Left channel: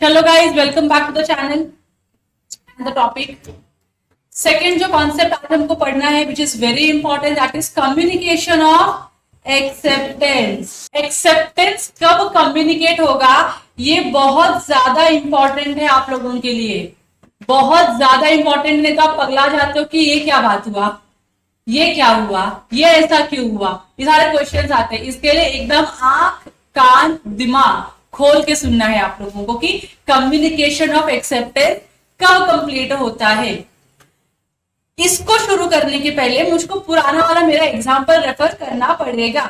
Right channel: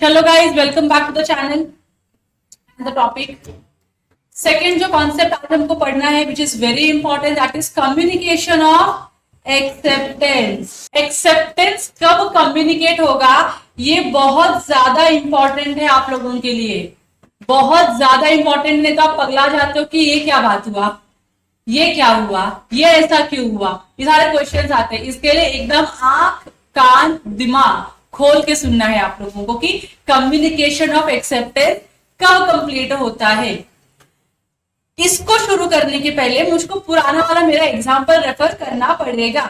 चलो guys, welcome back to the channel and the topic. Second जो concept आज हमको पढ़ना है which is very important, that is communication of acceptance. Acceptance कब कम्युनिकेट होगा, ये बहुत ज्यादा इंपॉर्टेंट है आप लोगों के लिए, बहुत ज्यादा इंपॉर्टेंट। नहीं तो आप पगला जाते हो कि ये क्या बात हुआ, ये क्या हुआ, ये ऐसा क्यों हुआ, ये सारे क्वेश्चंस आते हैं। इसके लिए एकदम आंख कान दिमाग खोल के सुनना है आप लोगों को कि कम्युनिकेशन ऑफ एक्सेप्टेंस कब कंप्लीट होता है। इसको शुरू करने के पहले मुझको पुराना वाला मेरा एग्जाम्पल रेफर करना पड़ेगा।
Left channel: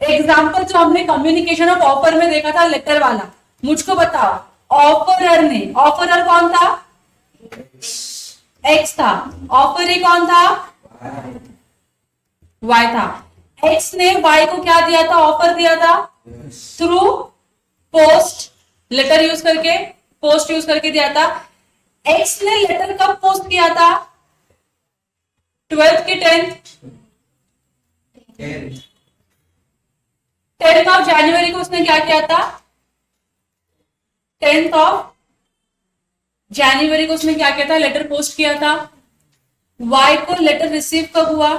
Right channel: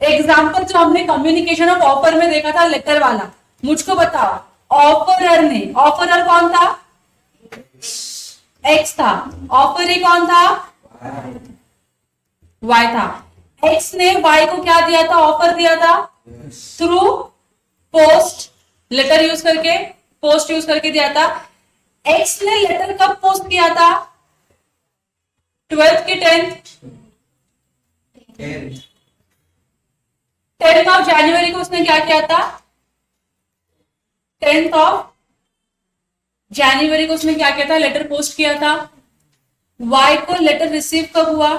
एग्जाम्पल जो हमने कम्युनिकेशन ऑफ ऑफर में देखा था, लेटर वाला, मुझको बताओ ऑफरर ने, ऑफरर कौन था? एक्स था। ऑफर कौन था? वाई था। एक्स ने वाई को क्या दिया था? ऑफर दिया था थ्रू पोस्ट, लेटर यूज करके, पोस्ट यूज करके दिया था। एक्स ने लेटर कब पोस्ट किया था? 12th की 10th ऑफ जनवरी को उसने क्या किया था? 10th ऑफ जनवरी को उसने क्या किया था? लेटर पोस्ट किया था। वाई को लेटर रिसीव कब हुआ?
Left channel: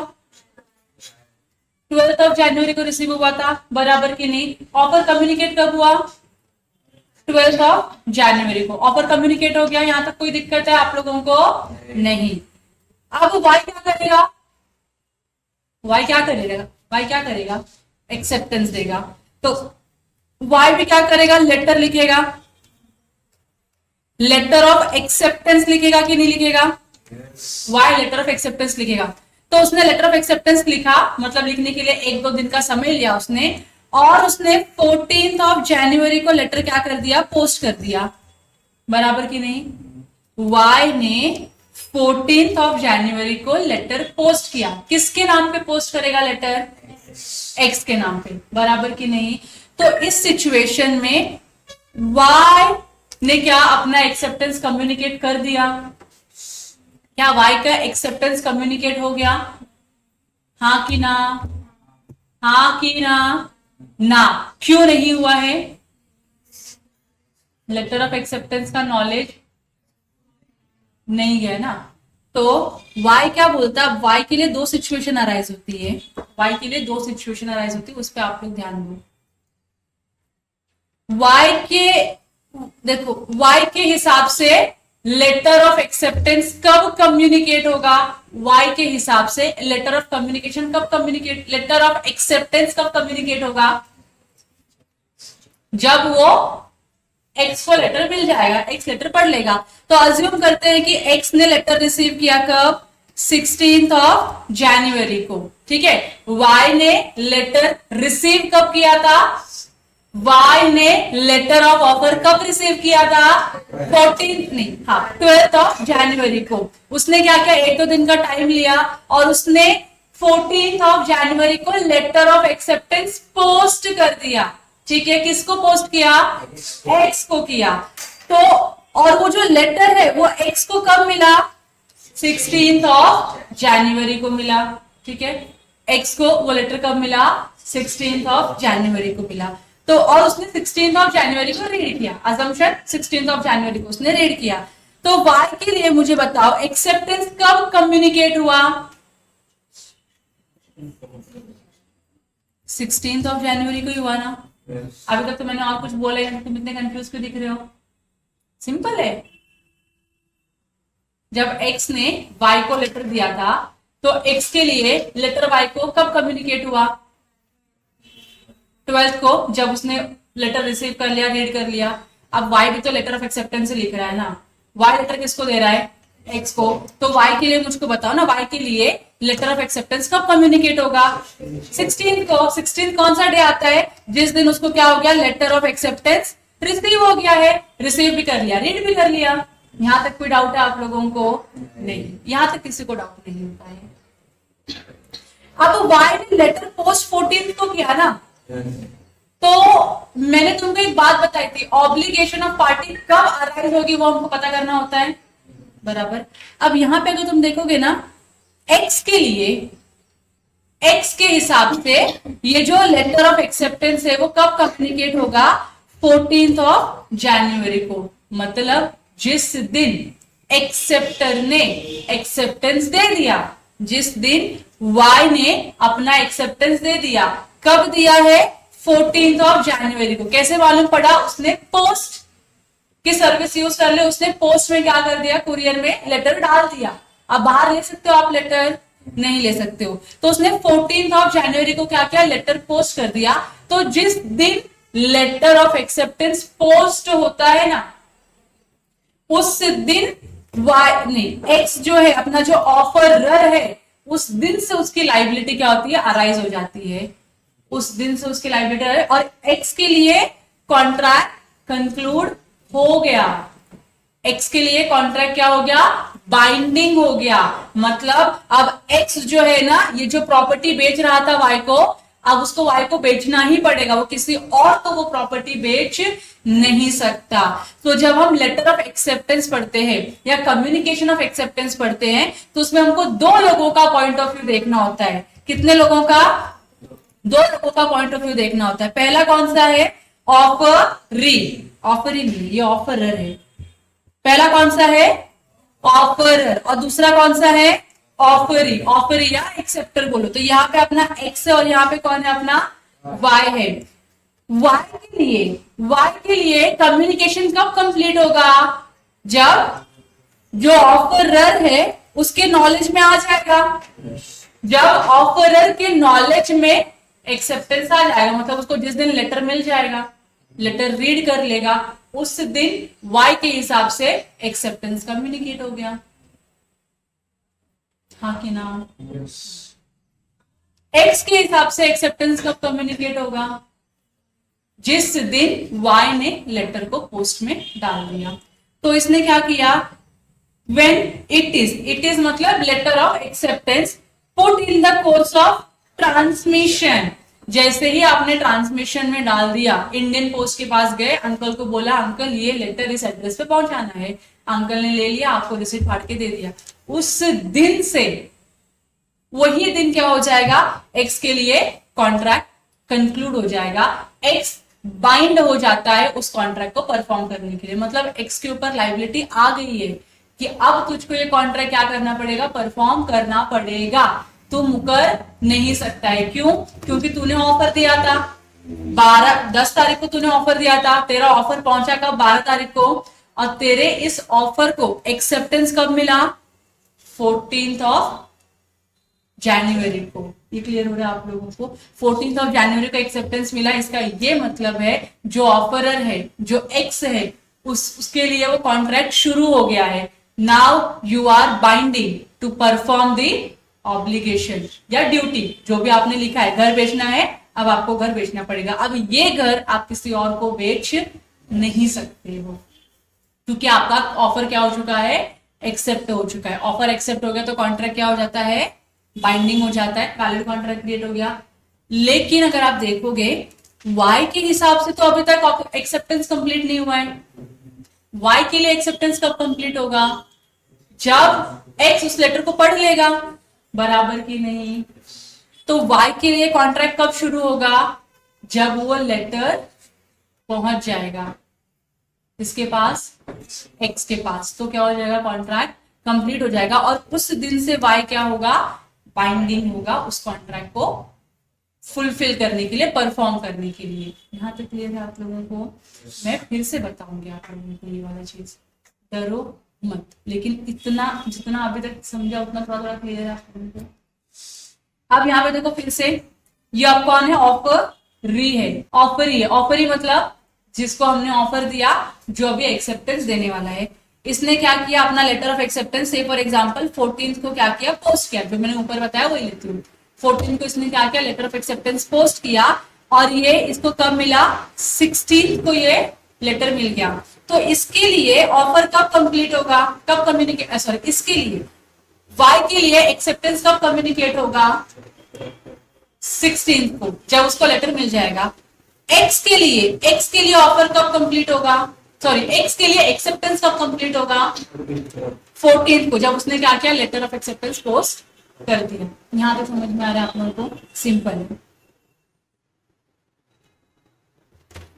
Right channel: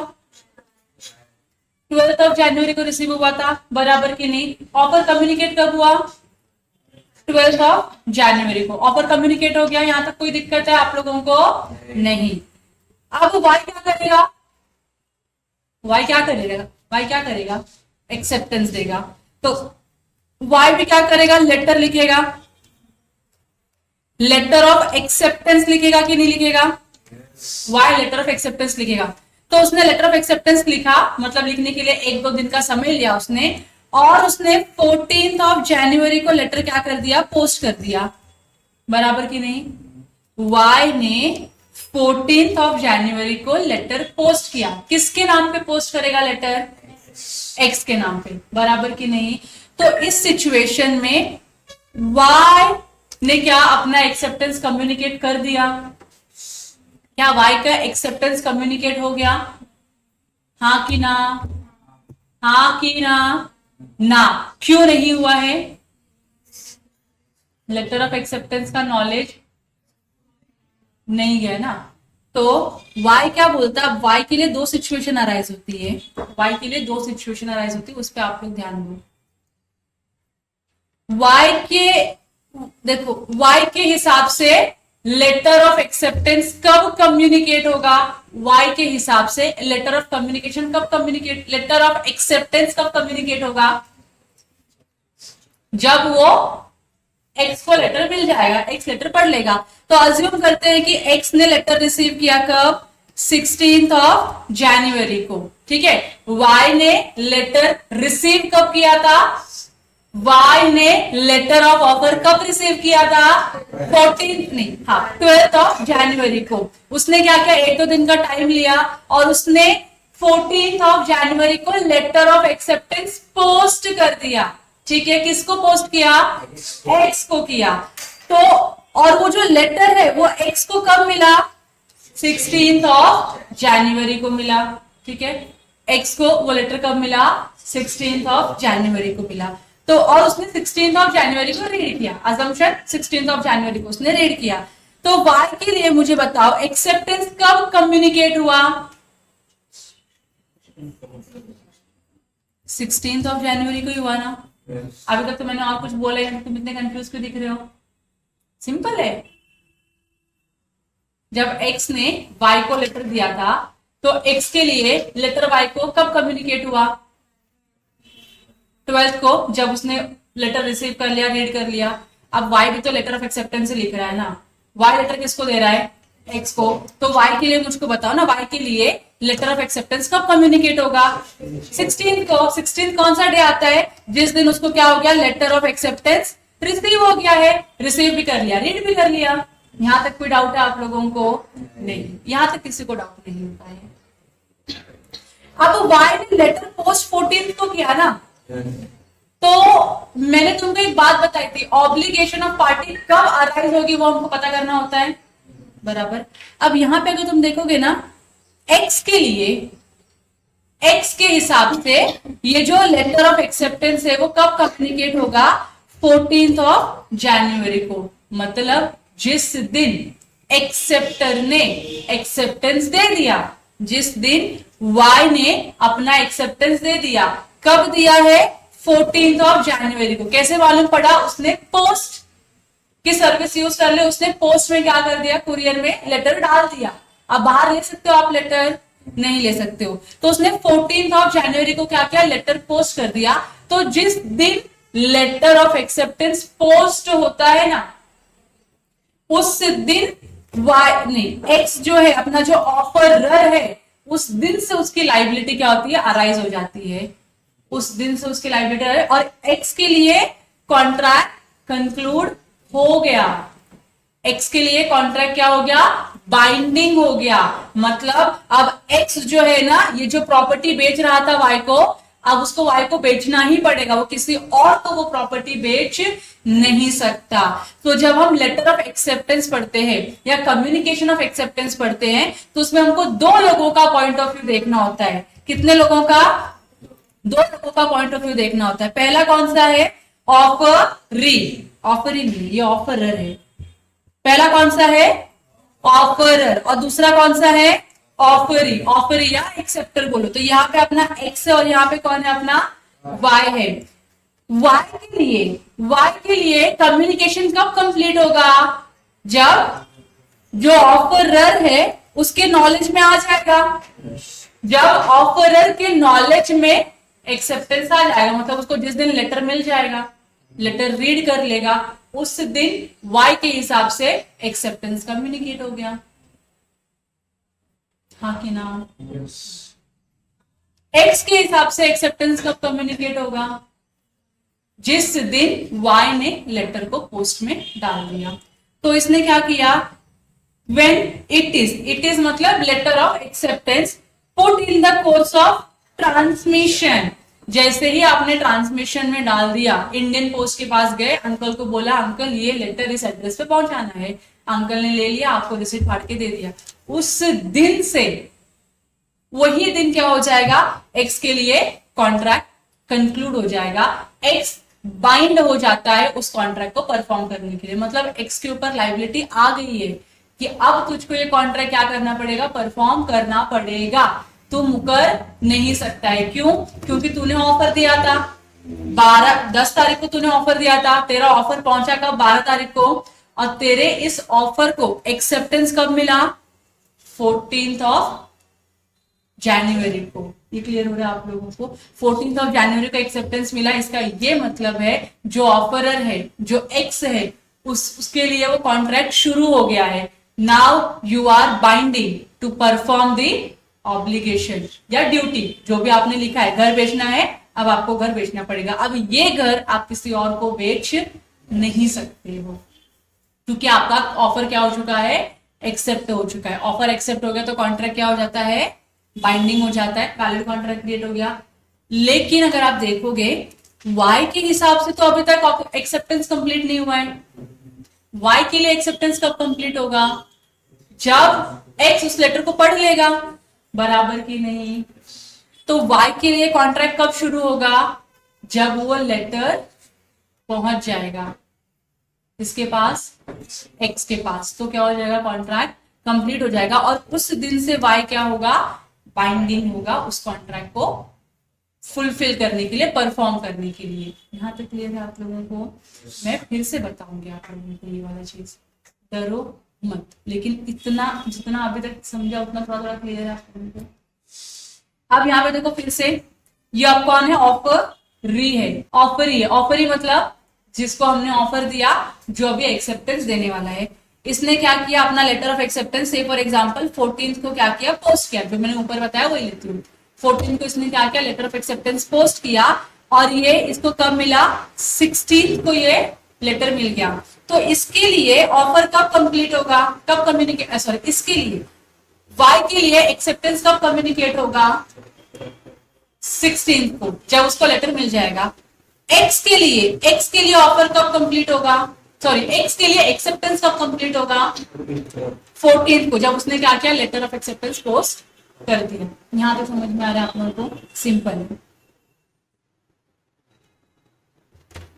12th ऑफ जनवरी को रिसीव हुआ था, बराबर की नहीं। ऑफर कम्युनिकेट कब हुआ? 12th ऑफ जनवरी को ऑफर कम्युनिकेट हो गया। यहां तक कोई दिक्कत है आप लोगों को? नहीं। अब वाई क्या करेगा? वाई क्या करेगा? वाई क्या करेगा? एक्सेप्टेंस देगा। तो वाई भी क्या करेगा? लेटर लिखेगा। लेटर ऑफ एक्सेप्टेंस लिखेगा कि नहीं लिखेगा? वाई लेटर ऑफ एक्सेप्टेंस लिखेगा। तो उसने लेटर ऑफ एक्सेप्टेंस लिखा, मतलब लिखने के लिए 1-2 दिन का समय लिया उसने, और उसने 14th ऑफ जनवरी को लेटर क्या कर दिया? पोस्ट कर दिया, बराबर की नहीं। वाई ने 14th ऑफ जनवरी को लेटर पोस्ट किया। किसके नाम पे पोस्ट करेगा लेटर? एक्स के नाम पे, बराबर की नहीं। तो इस सिचुएशन में वाई ने क्या अपना एक्सेप्टेंस कम्युनिकेट कर दिया? क्या वाई का एक्सेप्टेंस कम्युनिकेट हो गया? हाँ कि ना? हाँ कि ना? ना। क्यों नहीं हुआ है? लेटर ऑफ एक्सेप्टेंस का नॉलेज नहीं है ना। तो वाई क्या बोलता है? वाई के लिए 2 सिचुएशन अराइज होती है। वाई के लिए 2 सिचुएशन अराइज होती है, उस पर आप लोग ध्यान दो। वाई के, देखो, वाई के हिसाब से लेटर ऑफ एक्सेप्टेंस कब कम्युनिकेट होगा? वाई के हिसाब से लेटर ऑफ कम्युनिकेशन कब कम्युनिकेट, लेटर ऑफ एक्सेप्टेंस कब कम्युनिकेट होगा? जब वो एक्स को लेटर मिल जाएगा, एक्स लेटर पढ़ लेगा। तो अज्यूम करते हैं कि एक्स ने लेटर रिसीव किया कब? 16th ऑफ जनवरी को, ठीक है। वाई ने लेटर रिसीव कब किया था? वाई ने लेटर ऑफ ऑफर कब रिसीव किया था? 14th नहीं, हाँ 12th ऑफ जनवरी को। उसने क्या किया? 1-2 दिन का टाइम लिया और उसने 14th ऑफ जनवरी को लेटर ऑफ एक्सेप्टेंस पोस्ट कर दिया, ठीक है। किसको पोस्ट किया? एक्स को किया। तो और वो जो लेटर है वो एक्स को कब मिला? 16th ऑफ जनवरी को मिला, ठीक है। एक्स को वो लेटर कब मिला? 16th ऑफ जनवरी को मिला। तो और उसने 16th ऑफ जनवरी को रीड किया, अजम्पशन 16th ऑफ जनवरी को उसने रीड किया। तो वाई के लिए मुझे बताओ एक्सेप्टेंस कब कम्युनिकेट हुआ? 16th ऑफ जनवरी को ही हुआ ना। अभी तक तो मैंने और कुछ बोला है, तुम इतने कंफ्यूज क्यों दिख रहे हो? सिंपल है। जब एक्स ने वाई को लेटर दिया था तो एक्स के लिए लेटर वाई को कब कम्युनिकेट हुआ? 12th को, जब उसने लेटर रिसीव कर लिया, रीड कर लिया। अब वाई भी तो लेटर ऑफ एक्सेप्टेंस से लिख रहा है ना। वाई लेटर किसको दे रहा है? एक्स को। तो वाई के लिए मुझको बताओ ना, वाई के लिए लेटर ऑफ एक्सेप्टेंस कब कम्युनिकेट होगा? 16 को। 16 कौन सा डे आता है? जिस दिन उसको क्या हो गया? लेटर ऑफ एक्सेप्टेंस रिसीव हो गया है। रिसीव भी कर लिया, रीड भी कर लिया। यहां तक कोई डाउट है आप लोगों को? नहीं, यहां तक किसी को डाउट नहीं होता है। अब वाई ने लेटर पोस्ट 14th को किया ना, तो मैंने तुमको एक बात बताई थी, ऑब्लिगेशन ऑफ पार्टी कब अराइज होगी वो हमको पता करना होता है, बराबर। अब यहां पे अगर तुम देखोगे ना, एक्स के लिए, एक्स के हिसाब से ये जो लेटर ऑफ एक्सेप्टेंस है वो कब कम्युनिकेट होगा? 14th ऑफ जनवरी को, मतलब जिस दिन एक्सेप्टर ने एक्सेप्टेंस दे दिया, जिस दिन वाई ने अपना एक्सेप्टेंस दे दिया, कब दिया है? 14th ऑफ जनवरी को। कैसे मालूम पड़ा? उसने पोस्ट की सर्विस यूज कर ले, उसने पोस्ट में क्या कर दिया? कुरियर में लेटर डाल दिया। अब बाहर ले सकते हो आप लेटर? नहीं ले सकते हो। तो उसने 14th ऑफ जनवरी को क्या किया? लेटर पोस्ट कर दिया। तो जिस दिन लेटर ऑफ एक्सेप्टेंस पोस्ट होता है ना, उस दिन वाई नहीं, एक्स जो है अपना जो ऑफरर है, उस दिन से उसकी लाइबिलिटी क्या होती है? अराइज हो जाती है। उस दिन से उसकी लाइबिलिटी है और एक्स के लिए कॉन्ट्रैक्ट कंक्लूड हो गया। एक्स के लिए कॉन्ट्रैक्ट क्या हो गया? बाइंडिंग हो गया। मतलब अब एक्स जो है ना, ये जो प्रॉपर्टी बेच रहा था वाई को, अब उसको वाई को बेचना ही पड़ेगा। वो किसी और को वो प्रॉपर्टी बेच नहीं सकता। तो जब हम लेटर ऑफ एक्सेप्टेंस पढ़ते हैं या कम्युनिकेशन ऑफ एक्सेप्टेंस पढ़ते हैं, तो उसमें हमको दो लोगों का पॉइंट ऑफ व्यू देखना होता है। कितने लोगों का? दो लोगों का पॉइंट ऑफ व्यू देखना होता है। पहला कौन सा है? ऑफरी। ऑफरी नहीं, ये ऑफरर है। पहला कौन सा है? ऑफरर। और दूसरा कौन सा है? ऑफरी। ऑफरी या एक्सेप्टर बोलो। तो यहाँ पे अपना एक्स है और यहाँ पे कौन है? अपना वाई है। वाई के लिए कम्युनिकेशन कब कंप्लीट होगा? जब जो ऑफरर है उसके नॉलेज में आ जाएगा। जब ऑफरर के नॉलेज में एक्सेप्टेंस आ जाएगा, मतलब उसको जिस दिन लेटर मिल जाएगा, लेटर रीड कर लेगा, उस दिन वाई के हिसाब से एक्सेप्टेंस कम्युनिकेट हो गया। हाँ कि ना? एक्स के हिसाब से एक्सेप्टेंस कब कम्युनिकेट होगा? जिस दिन वाई ने लेटर को पोस्ट में डाल दिया। तो इसने क्या किया? When it is मतलब letter of acceptance put in the course of transmission. जैसे ही आपने ट्रांसमिशन में डाल दिया, इंडियन पोस्ट के पास गए, अंकल को बोला अंकल ये लेटर इस एड्रेस पे पहुंचाना है, अंकल ने ले लिया, आपको रिसीट फाड़ के दे दिया। उस दिन से वही दिन क्या हो जाएगा? एक्स के लिए कॉन्ट्रैक्ट कंक्लूड हो जाएगा। एक्स बाइंड हो जाता है उस कॉन्ट्रैक्ट को परफॉर्म करने के लिए। मतलब एक्स के ऊपर लाइबिलिटी आ गई है कि अब तुझको ये कॉन्ट्रैक्ट क्या करना पड़ेगा? परफॉर्म करना पड़ेगा। तू मुकर नहीं सकता है। क्यों? क्योंकि तूने ऑफर दिया था 10 तारीख को, तूने ऑफर दिया था, तेरा ऑफर पहुंचा कब? 12 तारीख को। और तेरे इस ऑफर को एक्सेप्टेंस कब मिला? 14th ऑफ जनवरी को। ये क्लियर हो रहा है आप लोगों को? 14th ऑफ जनवरी को एक्सेप्टेंस मिला। इसका ये मतलब है जो ऑफरर है, जो एक्स है, उसके लिए वो कॉन्ट्रैक्ट शुरू हो गया है। Now you are binding to perform the obligation या ड्यूटी, जो भी आपने लिखा है। घर बेचना है, अब आपको घर बेचना पड़ेगा। अब ये घर आप किसी और को बेच नहीं सकते हो, क्योंकि आपका ऑफर क्या हो चुका है? एक्सेप्ट हो चुका है। ऑफर एक्सेप्ट हो गया तो कॉन्ट्रैक्ट क्या हो जाता है? बाइंडिंग हो जाता है, वैलिड कॉन्ट्रैक्ट क्रिएट हो गया। लेकिन अगर आप देखोगे वाई के हिसाब से तो अभी तक एक्सेप्टेंस कंप्लीट नहीं हुआ है। वाई के लिए एक्सेप्टेंस कब कंप्लीट होगा? जब एक्स उस लेटर को पढ़ लेगा। बराबर की नहीं? तो वाई के लिए कॉन्ट्रैक्ट कब शुरू होगा? जब वो लेटर पहुंच जाएगा इसके पास, एक्स के पास। तो क्या हो जाएगा? कॉन्ट्रैक्ट कंप्लीट हो जाएगा। और उस दिन से वाई क्या होगा? बाइंडिंग होगा उस कॉन्ट्रैक्ट को फुलफिल करने के लिए, परफॉर्म करने के लिए। यहां तक क्लियर है आप लोगों को? मैं फिर से बताऊंगी आप लोगों को ये वाला चीज, डरो मत। लेकिन इतना जितना अभी तक समझा उतना थोड़ा थोड़ा क्लियर है आप लोगों को। अब यहाँ पे देखो फिर से, ये अब कौन है? ऑफरी है। ऑफरी है। ऑफरी मतलब जिसको हमने ऑफर दिया, जो अभी एक्सेप्टेंस देने वाला है। इसने क्या किया? अपना लेटर ऑफ एक्सेप्टेंस से फॉर एग्जांपल 14th को क्या किया? पोस्ट किया। जो मैंने ऊपर बताया वही लिखती हूँ। 14th को इसने क्या किया? लेटर ऑफ एक्सेप्टेंस पोस्ट किया। और ये इसको कब मिला? 16th को ये लेटर मिल गया। तो इसके लिए ऑफर कब कंप्लीट होगा? कब कम्युनिकेट, सॉरी, इसके लिए वाई के लिए एक्सेप्टेंस कब कम्युनिकेट होगा? 16th को, जब उसको लेटर मिल जाएगा। एक्स के लिए ऑफर कब कंप्लीट होगा? सॉरी, एक्स के लिए एक्सेप्टेंस कब कंप्लीट होगा? 14th को, जब उसने क्या किया? लेटर ऑफ एक्सेप्टेंस पोस्ट कर दिया। यहां तक समझ में आ रहा है आप लोगों को? सिंपल है।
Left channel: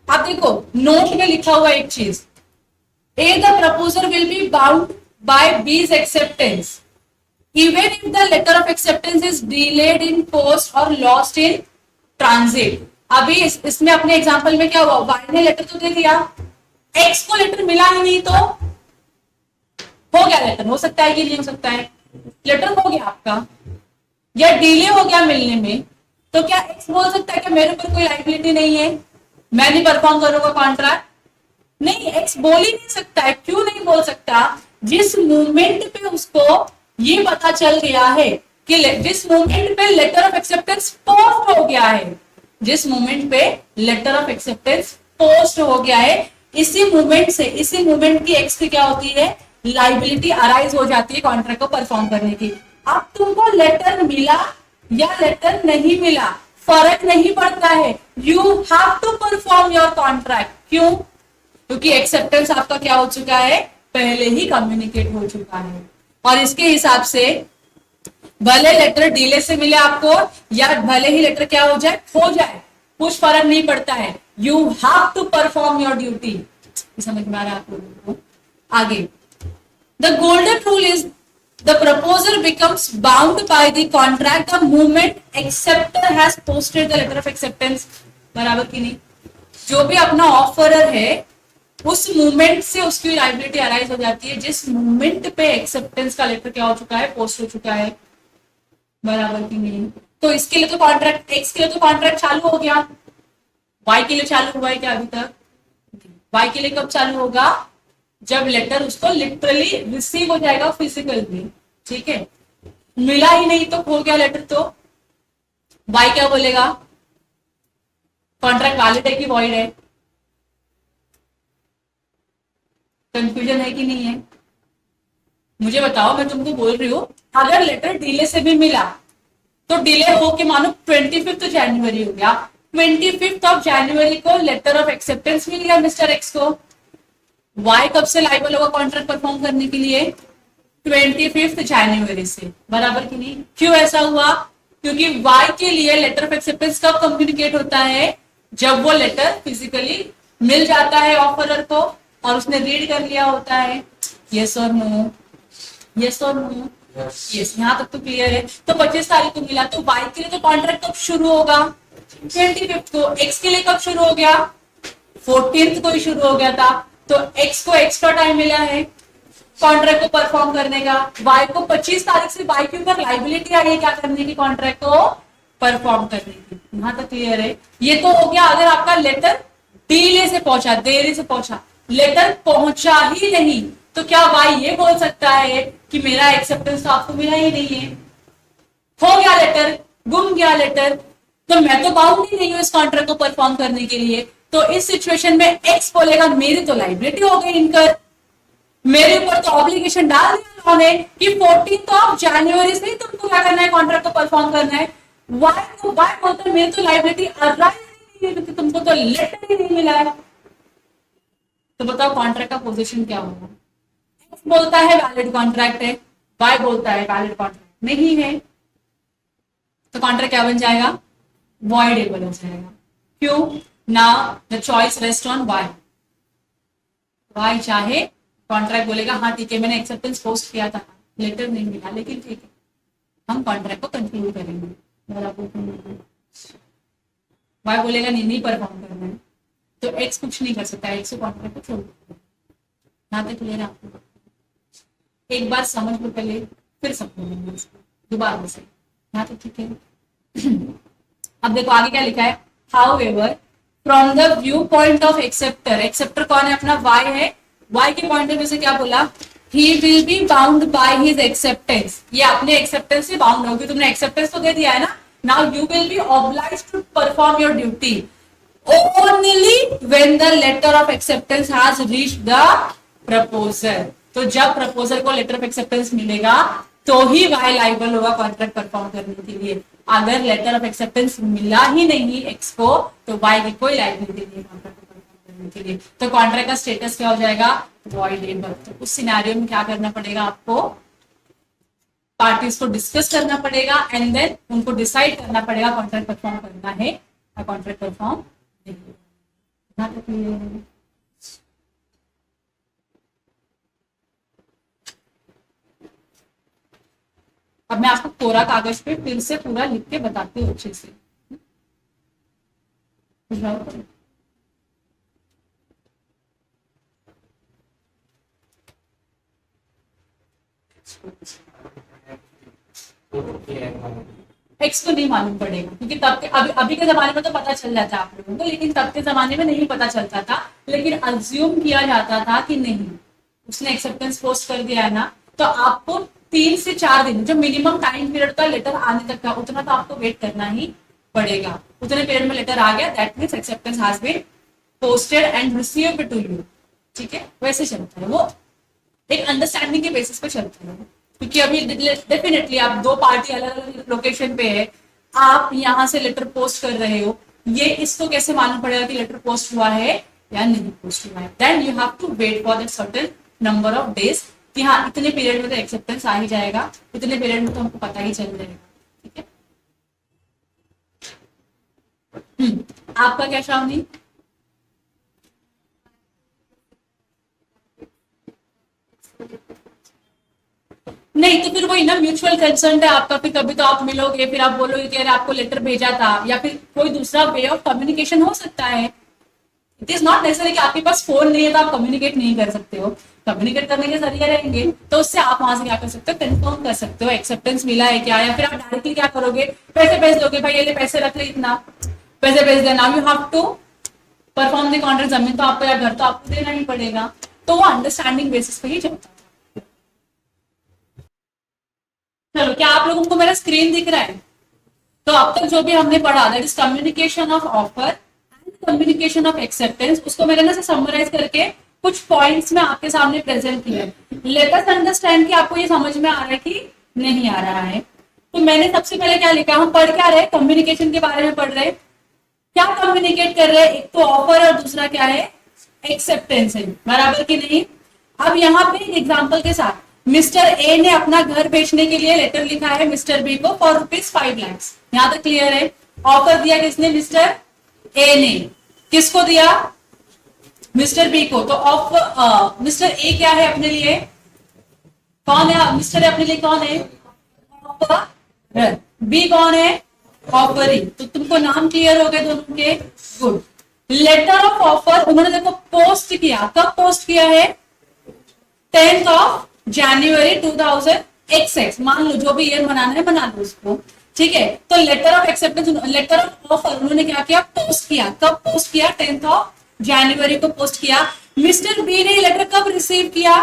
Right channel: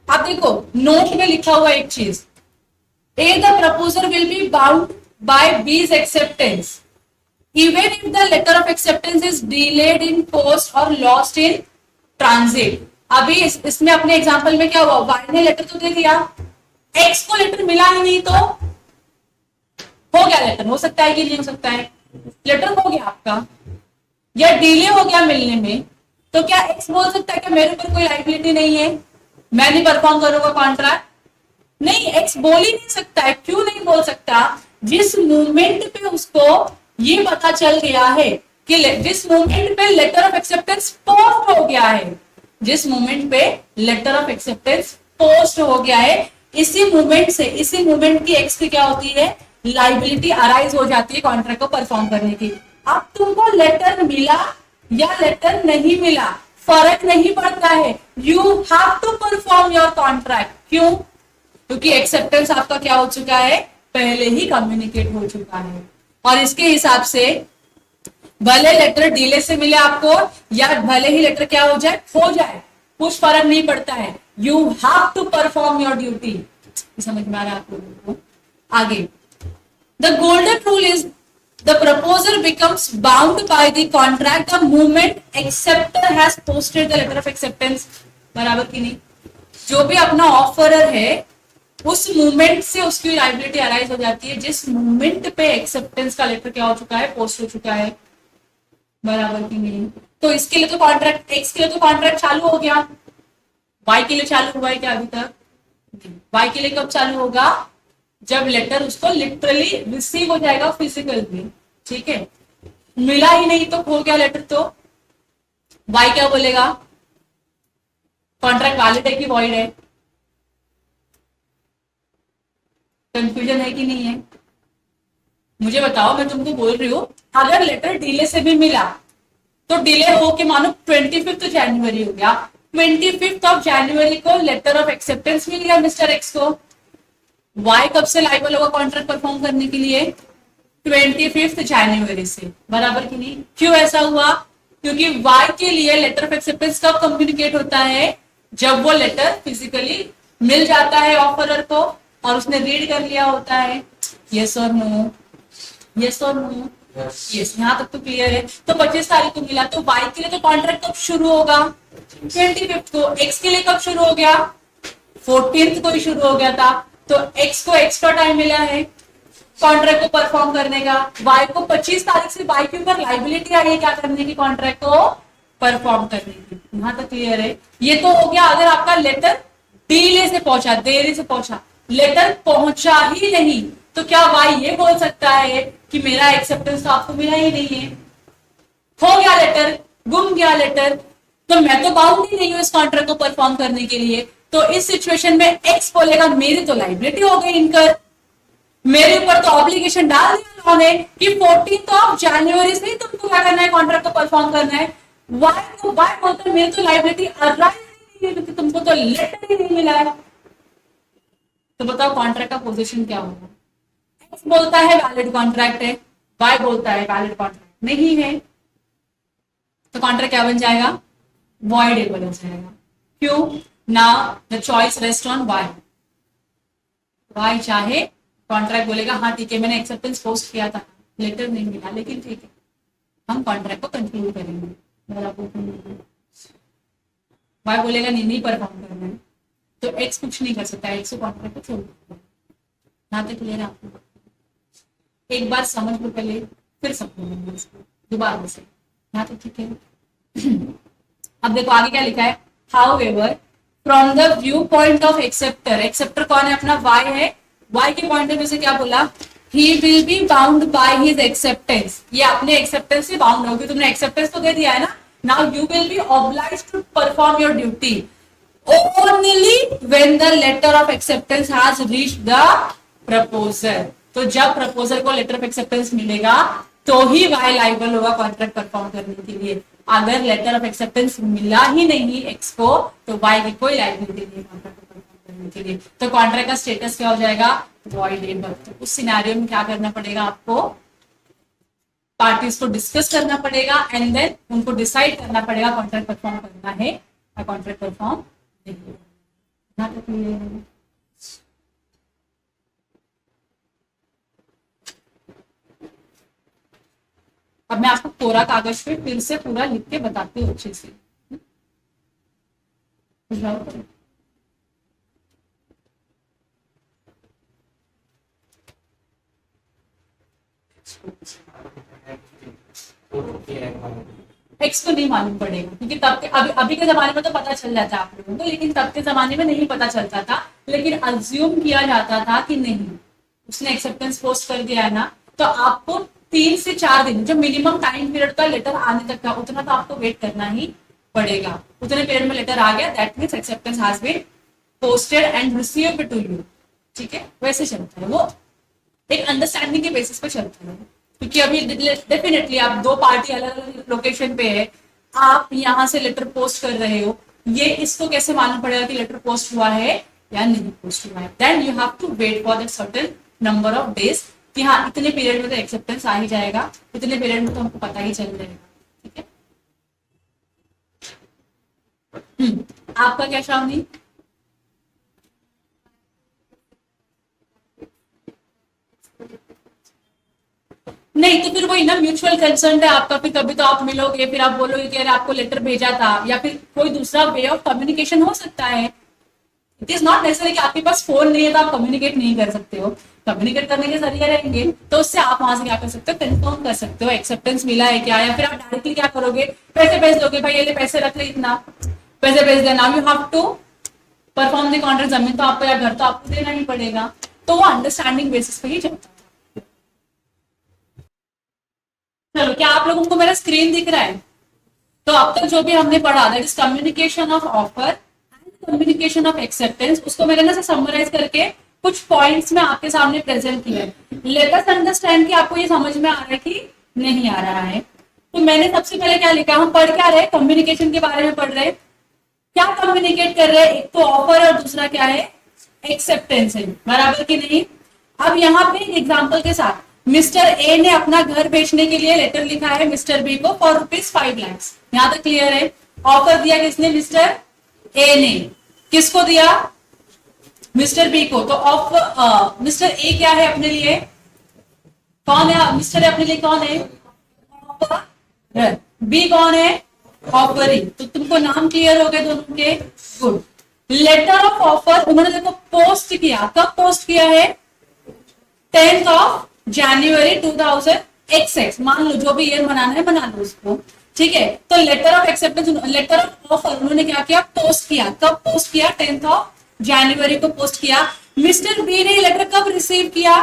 आप देखो नोट में लिखा हुआ एक चीज, A the proposer will be bound by B's acceptance even if the letter of acceptance is delayed in post और लॉस्ट इन ट्रांजिट। अभी इसमें अपने एग्जांपल में क्या हुआ, वाई ने लेटर तो दे दिया, एक्स को लेटर मिला ही नहीं, तो हो गया लेटर, हो सकता है कि नहीं हो सकता है, लेटर हो गया आपका, या डिले हो गया मिलने में, तो क्या एक्स बोल सकता है कि मेरे ऊपर कोई लाइबिलिटी नहीं है, मैं नहीं परफॉर्म करूंगा कॉन्ट्रैक्ट? नहीं, एक्स बोल ही नहीं सकता है। क्यों नहीं बोल सकता? जिस मूवमेंट पे उसको ये पता चल गया है कि जिस मूवमेंट पे लेटर ऑफ एक्सेप्टेंस पोस्ट हो गया है, जिस मूवमेंट पे लेटर ऑफ एक्सेप्टेंस पोस्ट हो गया है, इसी मूवमेंट से, इसी मूवमेंट की एक्स की क्या होती है, लाइबिलिटी अराइज हो जाती है कॉन्ट्रैक्ट को परफॉर्म करने की। अब तुमको लेटर मिला या लेटर नहीं मिला फर्क नहीं पड़ता है, you have to perform your contract. क्यों? क्योंकि एक्सेप्टेंस आपका क्या हो चुका है, पहले ही कम्युनिकेट हो चुका है। और इसके हिसाब से भले लेटर डिले से मिले आपको या भले ही लेटर क्या हो जाए, कुछ फर्क नहीं पड़ता है, you have to perform your duty. समझ में आ रहा है आप लोगों को? आगे, the golden rule is the proposer becomes bound by the contract the moment acceptor has posted the letter of acceptance। बराबर की नहीं? जो भी अपना ऑफरर है उस मूवमेंट से उसकी लाइबिलिटी अराइज हो जाती है जिस मूवमेंट पे एक्सेप्टेंस का लेटर क्या हो चुका है, पोस्ट हो चुका है। बराबर की नहीं? तो इसके लिए तो कॉन्ट्रैक्ट, एक्स के लिए तो कॉन्ट्रैक्ट चालू हो गया, वाई के लिए चालू हुआ है क्या अभी तक? वाई के लिए कब चालू होगा? जब लेटर उसको लिटरली रिसीव हो जाएगा फिजिकली, ठीक है। मिला ही नहीं तो खो गया लेटर, तो वाई क्या बोलेगा, कॉन्ट्रैक्ट वैलिड है कि वॉइड है? कंफ्यूजन है कि नहीं है? मुझे बताओ, मैं तुमको बोल रही हूँ अगर लेटर डिले से भी मिला तो डिले हो के मानो 25 जनवरी हो गया, 25 जनवरी को लेटर ऑफ एक्सेप्टेंस मिल गया मिस्टर एक्स को, वाई कब से लाइबल होगा कॉन्ट्रैक्ट परफॉर्म करने के लिए? 25 जनवरी से। बराबर की नहीं? क्यों ऐसा हुआ? क्योंकि वाई के लिए लेटर ऑफ एक्सेप्टेंस कब कम्युनिकेट होता है, जब वो लेटर फिजिकली मिल जाता है ऑफरर को और उसने रीड कर लिया होता है। यस और नो? यस और नो? यस, यहाँ तक तो क्लियर है। तो 25 तारीख को मिला, तो वाई के लिए तो कॉन्ट्रैक्ट कब शुरू होगा? 25 को। एक्स के लिए कब शुरू हो गया? 14 को ही शुरू हो गया था। तो एक्स को एक्स्ट्रा टाइम मिला है कॉन्ट्रैक्ट को परफॉर्म करने का, वाई को 25 तारीख से वाई के ऊपर लाइबिलिटी आ रही है क्या करने की, कॉन्ट्रैक्ट को परफॉर्म करने की। यहां तक क्लियर है? ये तो हो गया अगर आपका लेटर डिले से पहुंचा, देरी से पहुंचा, लेटर पहुंचा ही नहीं तो क्या वाई ये बोल सकता है कि मेरा एक्सेप्टेंस तो आपको मिला ही नहीं है, हो गया लेटर, गुम गया लेटर, तो मैं तो बाउंड ही नहीं हूं इस कॉन्ट्रैक्ट को परफॉर्म करने के लिए। तो इस सिचुएशन में एक्स बोलेगा मेरी तो लाइबिलिटी हो गई इनकर, मेरे ऊपर तो ऑब्लिगेशन डाल दिया उन्होंने कि 14 जनवरी से ही तुमको क्या करना है, कॉन्ट्रैक्ट को परफॉर्म करना है। वाई बोलते मेरी तो लाइबिलिटी क्योंकि तुमको तो लेटर ही नहीं मिला है। तो बताओ कॉन्ट्रैक्ट का पोजीशन क्या होगा? एक्स बोलता है वैलिड कॉन्ट्रैक्ट है, वाई बोलता है वैलिड कॉन्ट्रैक्ट नहीं है, तो कॉन्ट्रैक्ट क्या बन जाएगा? वॉइडेबल हो जाएगा। क्यों? Now the choice rest on Y. Y चाहे कॉन्ट्रैक्ट बोलेगा हाँ ठीक है मैंने एक्सेप्टेंस पोस्ट किया था, लेटर नहीं मिला, लेकिन ठीक है हम कॉन्ट्रैक्ट को कंटिन्यू करेंगे। वाई बोलेगा नहीं परफॉर्म करना है, तो एक्स कुछ नहीं कर सकता, एक्स को कॉन्ट्रैक्ट को छोड़ देगा। यहाँ तक क्लियर है आपको? एक बार समझ लो पहले, फिर समझेंगे इसको दोबारा से। यहाँ तक ठीक है? अब देखो आगे क्या लिखा है, however from the view point of acceptor, acceptor कौन है अपना? वाई है। वाई के पॉइंट ऑफ व्यू से क्या बोला? He will be bound by his acceptance, ये अपने एक्सेप्टेंस से बाउंड होगी, तुमने एक्सेप्टेंस तो दे दिया है ना, now you will be obliged to perform your duty only when the letter of acceptance has reached the proposal. तो जब प्रपोजल को लेटर ऑफ एक्सेप्टेंस मिलेगा तो ही वाई लाइबल होगा कॉन्ट्रैक्ट परफॉर्म करने के लिए। अगर लेटर ऑफ एक्सेप्टेंस मिला ही नहीं एक्स को तो वाई की कोई लाइबिलिटी नहीं कॉन्ट्रैक्ट को परफॉर्म करने के लिए। तो कॉन्ट्रैक्ट का स्टेटस क्या हो जाएगा? वॉइडेबल। तो उस सिनेरियो में क्या करना पड़ेगा आपको? पार्टीज को डिस्कस करना पड़ेगा एंड देन उनको डिसाइड करना पड़ेगा कॉन्ट्रैक्ट परफॉर्म करना है या कॉन्ट्रैक्ट परफॉर्म नहीं। अब मैं आपको कोरा कागज पे फिर से पूरा लिख के बताती हूँ अच्छे से। टेक्स्ट तो नहीं मालूम पड़ेगा क्योंकि तब के अभी के जमाने में तो पता चल जाता है आप लोगों को, लेकिन तब के जमाने में नहीं पता चलता था। लेकिन अज्यूम किया जाता था कि नहीं, उसने एक्सेप्टेंस पोस्ट कर दिया है ना, तो आपको 3 से 4 दिन जो मिनिमम टाइम पीरियड का लेटर आने तक का, उतना तो आपको वेट करना ही पड़ेगा। उतने पीरियड में लेटर आ गया, that means acceptance has been posted and received to you. ठीक है, वैसे चलता है वो, एक अंडरस्टैंडिंग के बेसिस पे चलता है। क्योंकि अभी डेफिनेटली आप 2 पार्टी अलग अलग लोकेशन पे है, आप यहाँ से लेटर पोस्ट कर रहे हो, ये इसको कैसे मालूम पड़ेगा कि लेटर पोस्ट हुआ है या नहीं पोस्ट हुआ है? Then you have to wait for that certain number of days कि हाँ इतने पीरियड में तो एक्सेप्टेंस आ ही जाएगा, इतने पीरियड में तो हमको पता ही चल जाएगा। ठीक है, आपका क्या शामनी? नहीं तो फिर वही ना, म्यूचुअल कंसर्न है आपका, फिर कभी तो आप मिलोगे, फिर आप बोलोगे कि अरे आपको लेटर भेजा था, या फिर कोई दूसरा वे ऑफ कम्युनिकेशन हो सकता है। इट इज नॉट नेसेसरी कि आपके पास फोन नहीं है तो आप कम्युनिकेट नहीं कर सकते हो। कम्युनिकेट करने के जरिए रहेंगे तो उससे आप वहां से क्या कर सकते हो, कंफर्म कर सकते हो एक्सेप्टेंस मिला है क्या, या फिर आप डायरेक्टली क्या करोगे, पैसे भेज दोगे, भाई ये ले पैसे रख ले, इतना पैसे भेज देना, you have to perform the contract. जमीन तो आपको या घर तो आपको देना ही पड़ेगा, तो वो अंडरस्टैंडिंग बेसिस पे ही चलता है। चलो, क्या आप लोगों को मेरा स्क्रीन दिख रहा है? तो अब तक जो भी हमने पढ़ा, that is communication of offer and communication of acceptance, उसको मैंने ना समराइज करके कुछ पॉइंट्स में आपके सामने प्रेजेंट किया है। लेट अस अंडरस्टैंड कि आपको ये समझ में आ रहा है कि नहीं आ रहा है। तो मैंने सबसे पहले क्या लिखा, हम पढ़ क्या रहे, कम्युनिकेशन के बारे में पढ़ रहे, क्या कम्युनिकेट कर रहे हैं, एक तो ऑफर और दूसरा क्या है, एक्सेप्टेंस है, बराबर की नहीं। अब यहाँ पे एग्जाम्पल के साथ, मिस्टर ए ने अपना घर बेचने के लिए लेटर लिखा है मिस्टर बी को फॉर ₹5 लाख। यहां तक क्लियर है? ऑफर दिया किसने, मिस्टर ए ने। किसको दिया, मिस्टर बी को। तो ऑफ मिस्टर ए क्या है अपने लिए, कौन है मिस्टर ए अपने लिए, कौन है, बी कौन है, ऑफरिंग। तो तुमको नाम क्लियर हो गए दोनों के, गुड। लेटर ऑफ ऑफर उन्होंने देखो पोस्ट किया, कब पोस्ट किया है, 10 जनवरी 2000 मान लो, जो भी ईयर मनाना है बना लो उसको। ठीक है, तो letter of acceptance, letter of offer उन्होंने क्या किया, पोस्ट किया। कब पोस्ट किया, 10 जनवरी को पोस्ट किया। मिस्टर बी ने लेटर कब रिसीव किया,